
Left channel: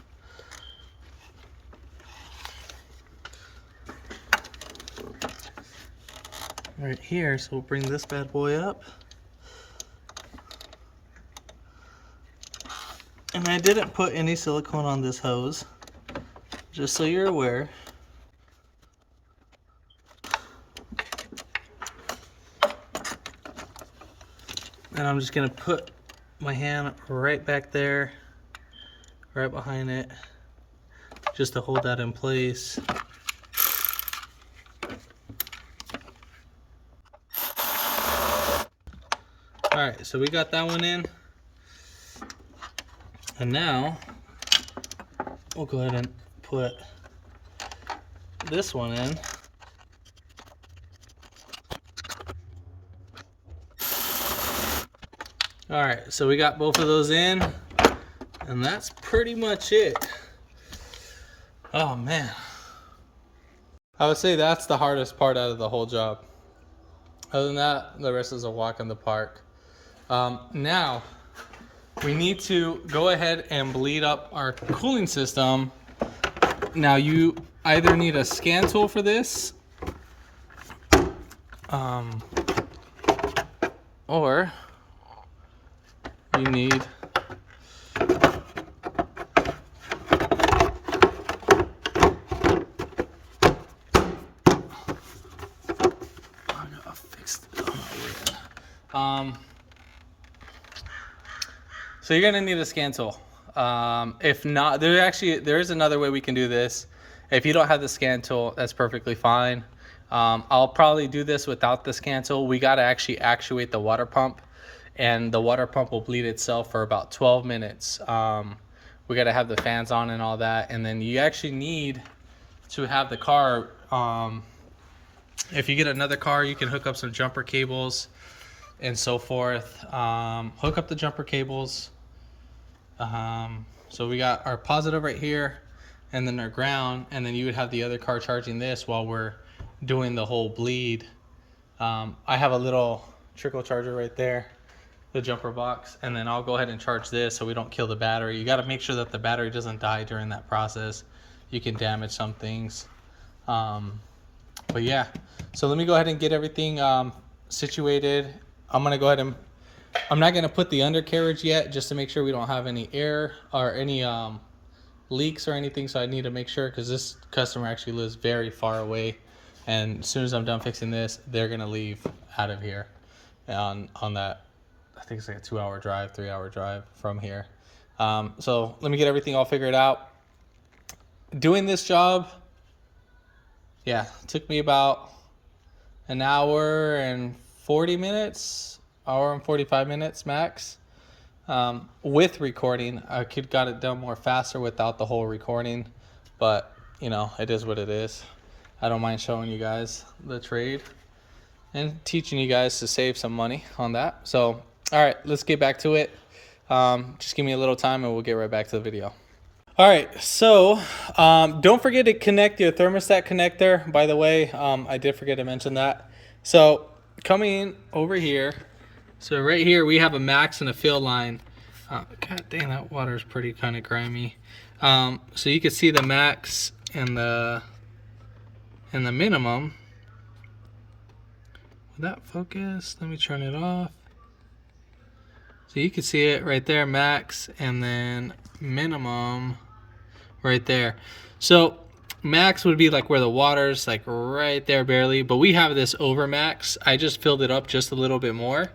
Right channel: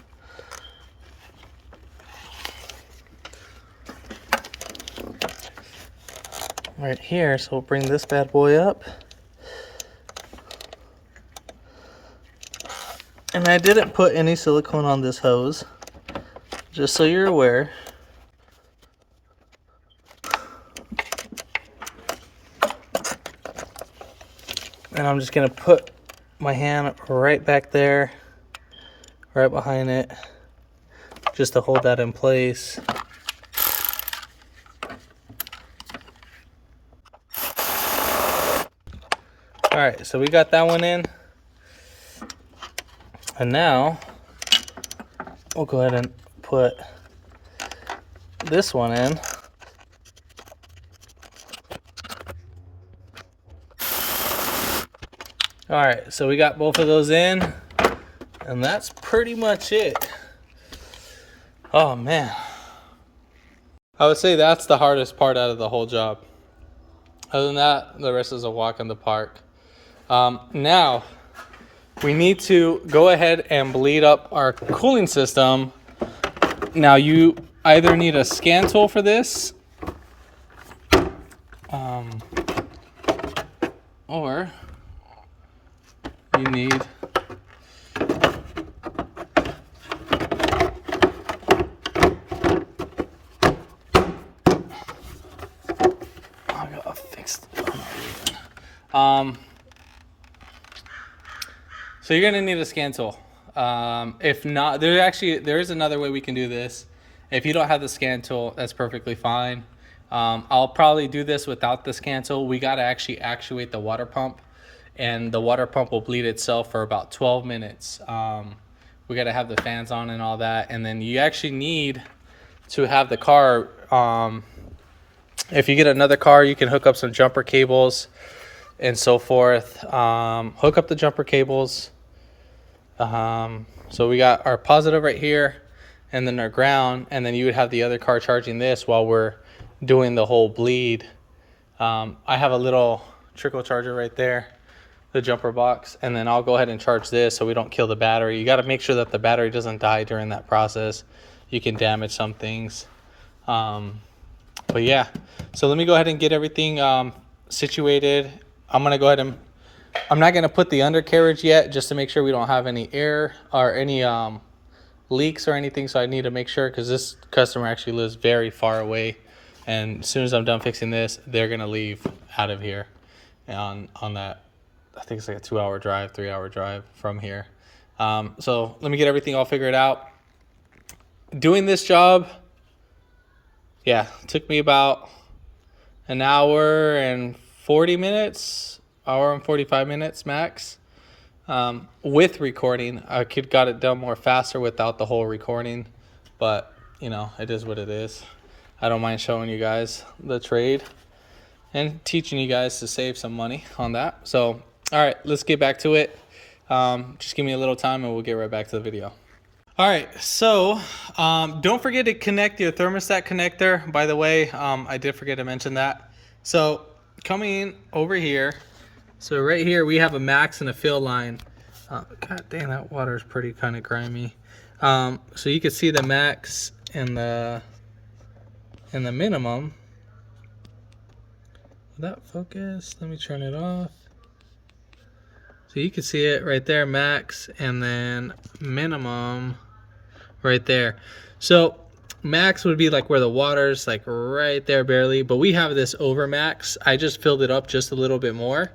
Right here, so we'll bring this bad boy up. And I didn't put any silicone on this hose, just so you're aware. And I'm just gonna put my hand right back there, right behind it, just to hold that in place. All right, so we got that one in. And now we'll go ahead and put this one in. All right, so we got both of those in, and that's pretty much it. Oh man. I would say that's the hardest part out of the whole job. Other than that, the rest is a walk in the park. Now, we need to go ahead and bleed up our cooling system. Now, you either need a scan tool for this, or you need I gotta fix it. So you're gonna need a scan tool. If not, there is another way we can do this. If you don't have the scan tool, that's perfectly fine. I'll probably do this without the scan tool. We gotta actually actuate the water pump, and the water pump will bleed itself for about 12 minutes. We gotta have the fans on and all that, and then you actually need to have the car. If you get another car, you can hook up some jumper cables and so forth. Hook up the jumper cables. So we got our positive right here, and then our ground, and then you would have the other car charging this while we're doing the whole bleed. I have a little trickle charger right there, the jumper box, and then I'll go ahead and charge this so we don't kill the battery. You got to make sure that the battery doesn't die during that process. You can damage some things. But yeah, so let me go ahead and get everything situated. I'm gonna go ahead and I'm not gonna put the undercarriage yet, just to make sure we don't have any air or any leaks or anything. So I need to make sure, because this customer actually lives very far away, and as soon as I'm done fixing this, they're gonna leave out of here on that. I think it's like a 2-hour drive, 3-hour drive from here. So let me get everything all figured out. Doing this job, yeah, took me about an hour and 40 minutes, hour and 45 minutes max. With recording, I got it done more faster without the whole recording, but you know, it is what it is. I don't mind showing you guys the trade and teaching you guys to save some money on that. So, all right, let's get back to it. Just give me a little time and we'll get right back to the video. All right, so don't forget to connect your thermostat connector. By the way, I did forget to mention that. So coming over here, so right here we have a max and a fill line. God dang, that water is pretty kind of grimy. So you can see the max and the minimum. Will that focus? Let me turn it off. So you can see it right there, max, and then minimum right there. So max would be like where the water's like right there barely, but we have this over max. I just filled it up just a little bit more,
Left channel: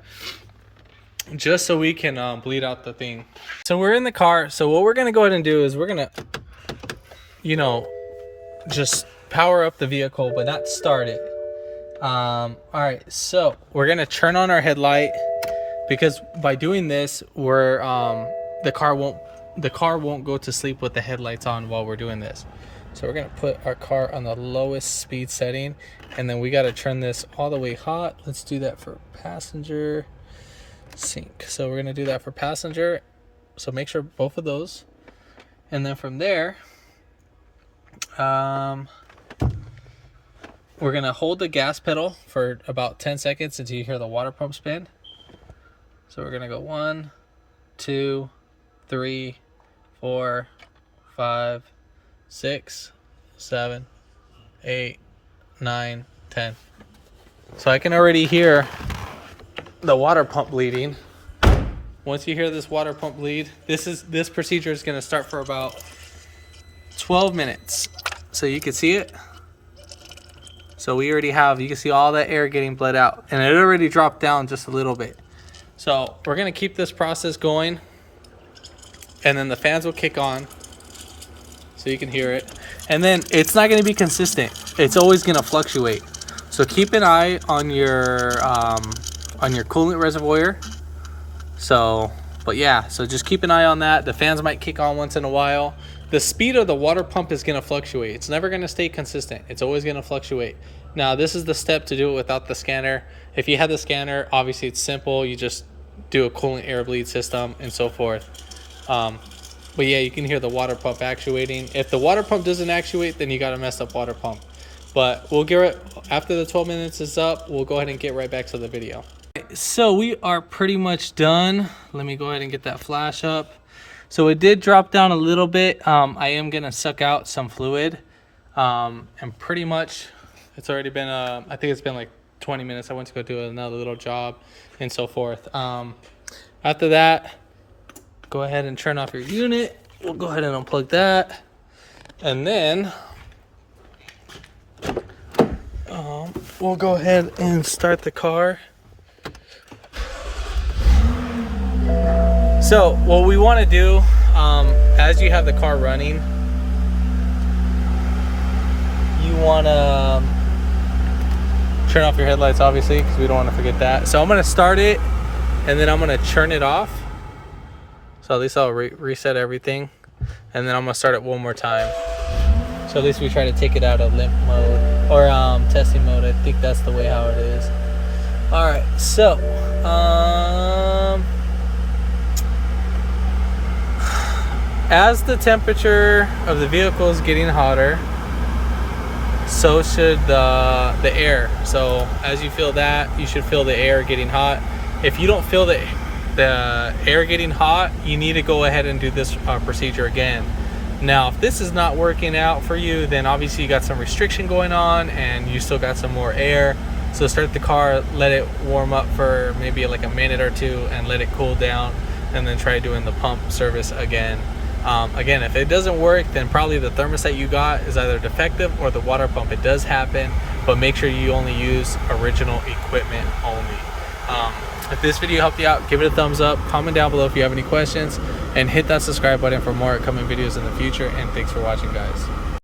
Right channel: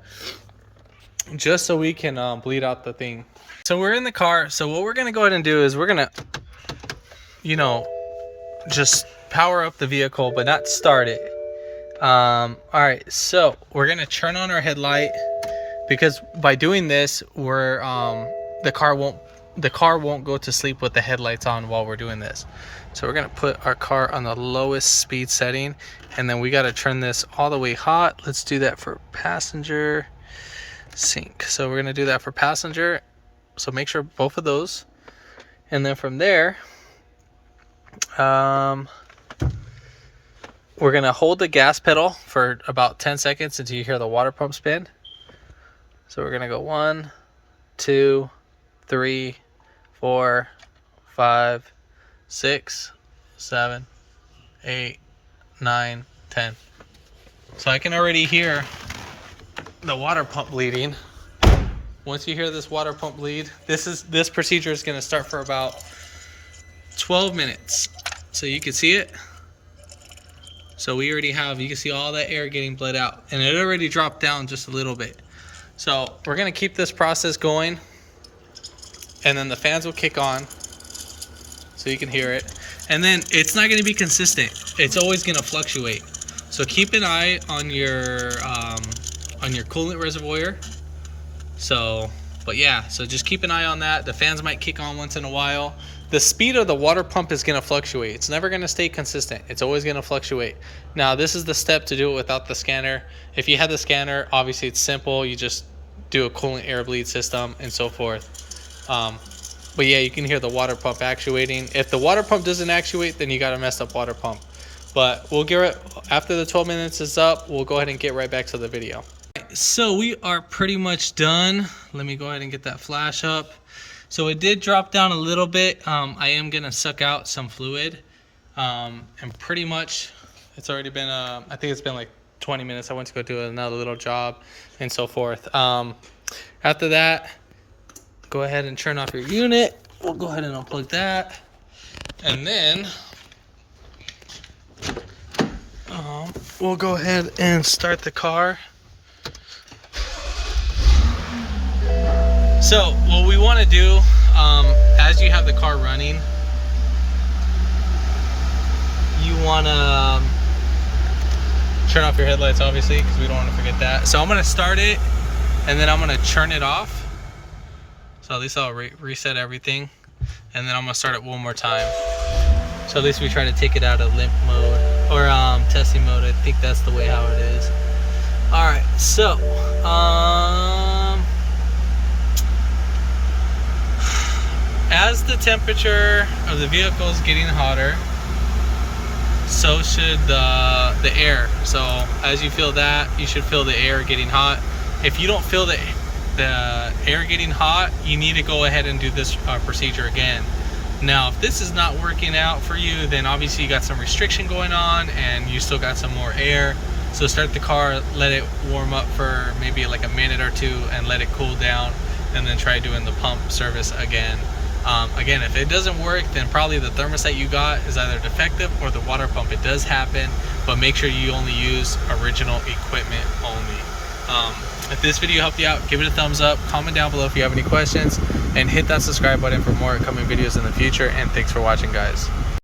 just so we can bleed out the thing. So we're in the car. So what we're gonna go ahead and do is we're gonna, you know, just power up the vehicle, but not start it. All right, so we're gonna turn on our headlight, because by doing this, we're the car won't go to sleep with the headlights on while we're doing this. So we're gonna put our car on the lowest speed setting, and then we gotta turn this all the way hot. Let's do that for passenger, sync. So we're gonna do that for passenger. So make sure both of those, and then from there, we're gonna hold the gas pedal for about 10 seconds until you hear the water pump spin. So we're gonna go 1, 2, 3, 4, 5, 6, 7, 8, 9, 10. So I can already hear the water pump bleeding. Once you hear this water pump bleed, this procedure is gonna start for about 12 minutes. So you can see it. So we already have, you can see all that air getting bled out, and it already dropped down just a little bit. So we're gonna keep this process going, and then the fans will kick on so you can hear it. And then it's not gonna be consistent. It's always gonna fluctuate. So keep an eye on your coolant reservoir. So, but yeah, so just keep an eye on that. The fans might kick on once in a while. The speed of the water pump is gonna fluctuate. It's never gonna stay consistent. It's always gonna fluctuate. Now, this is the step to do it without the scanner. If you had the scanner, obviously it's simple. You just do a coolant air bleed system and so forth. But yeah, you can hear the water pump actuating. If the water pump doesn't actuate, then you got a messed up water pump. But we'll get it after the 12 minutes is up. We'll go ahead and get right back to the video. So we are pretty much done. Let me go ahead and get that flash up. So it did drop down a little bit. I am gonna suck out some fluid, and pretty much it's already been I think it's been like 20 minutes. I went to go do another little job and so forth. After that, go ahead and turn off your unit. We'll go ahead and unplug that, and then we'll go ahead and start the car. So what we want to do, as you have the car running, you want to turn off your headlights, obviously, because we don't want to forget that. So I'm going to start it, and then I'm going to turn it off. So at least I'll reset everything, and then I'm going to start it one more time. So at least we try to take it out of limp mode or testing mode. I think that's the way how it is. All right, so as the temperature of the vehicle is getting hotter, so should the air. So as you feel that, you should feel the air getting hot. If you don't feel the air getting hot, you need to go ahead and do this procedure again. Now, if this is not working out for you, then obviously you got some restriction going on and you still got some more air. So start the car, let it warm up for maybe like a minute or two and let it cool down, and then try doing the pump service again. Again, if it doesn't work, then probably the thermostat you got is either defective or the water pump. It does happen, but make sure you only use original equipment only. If this video helped you out, give it a thumbs up, comment down below if you have any questions, and hit that subscribe button for more upcoming videos in the future. And thanks for watching, guys.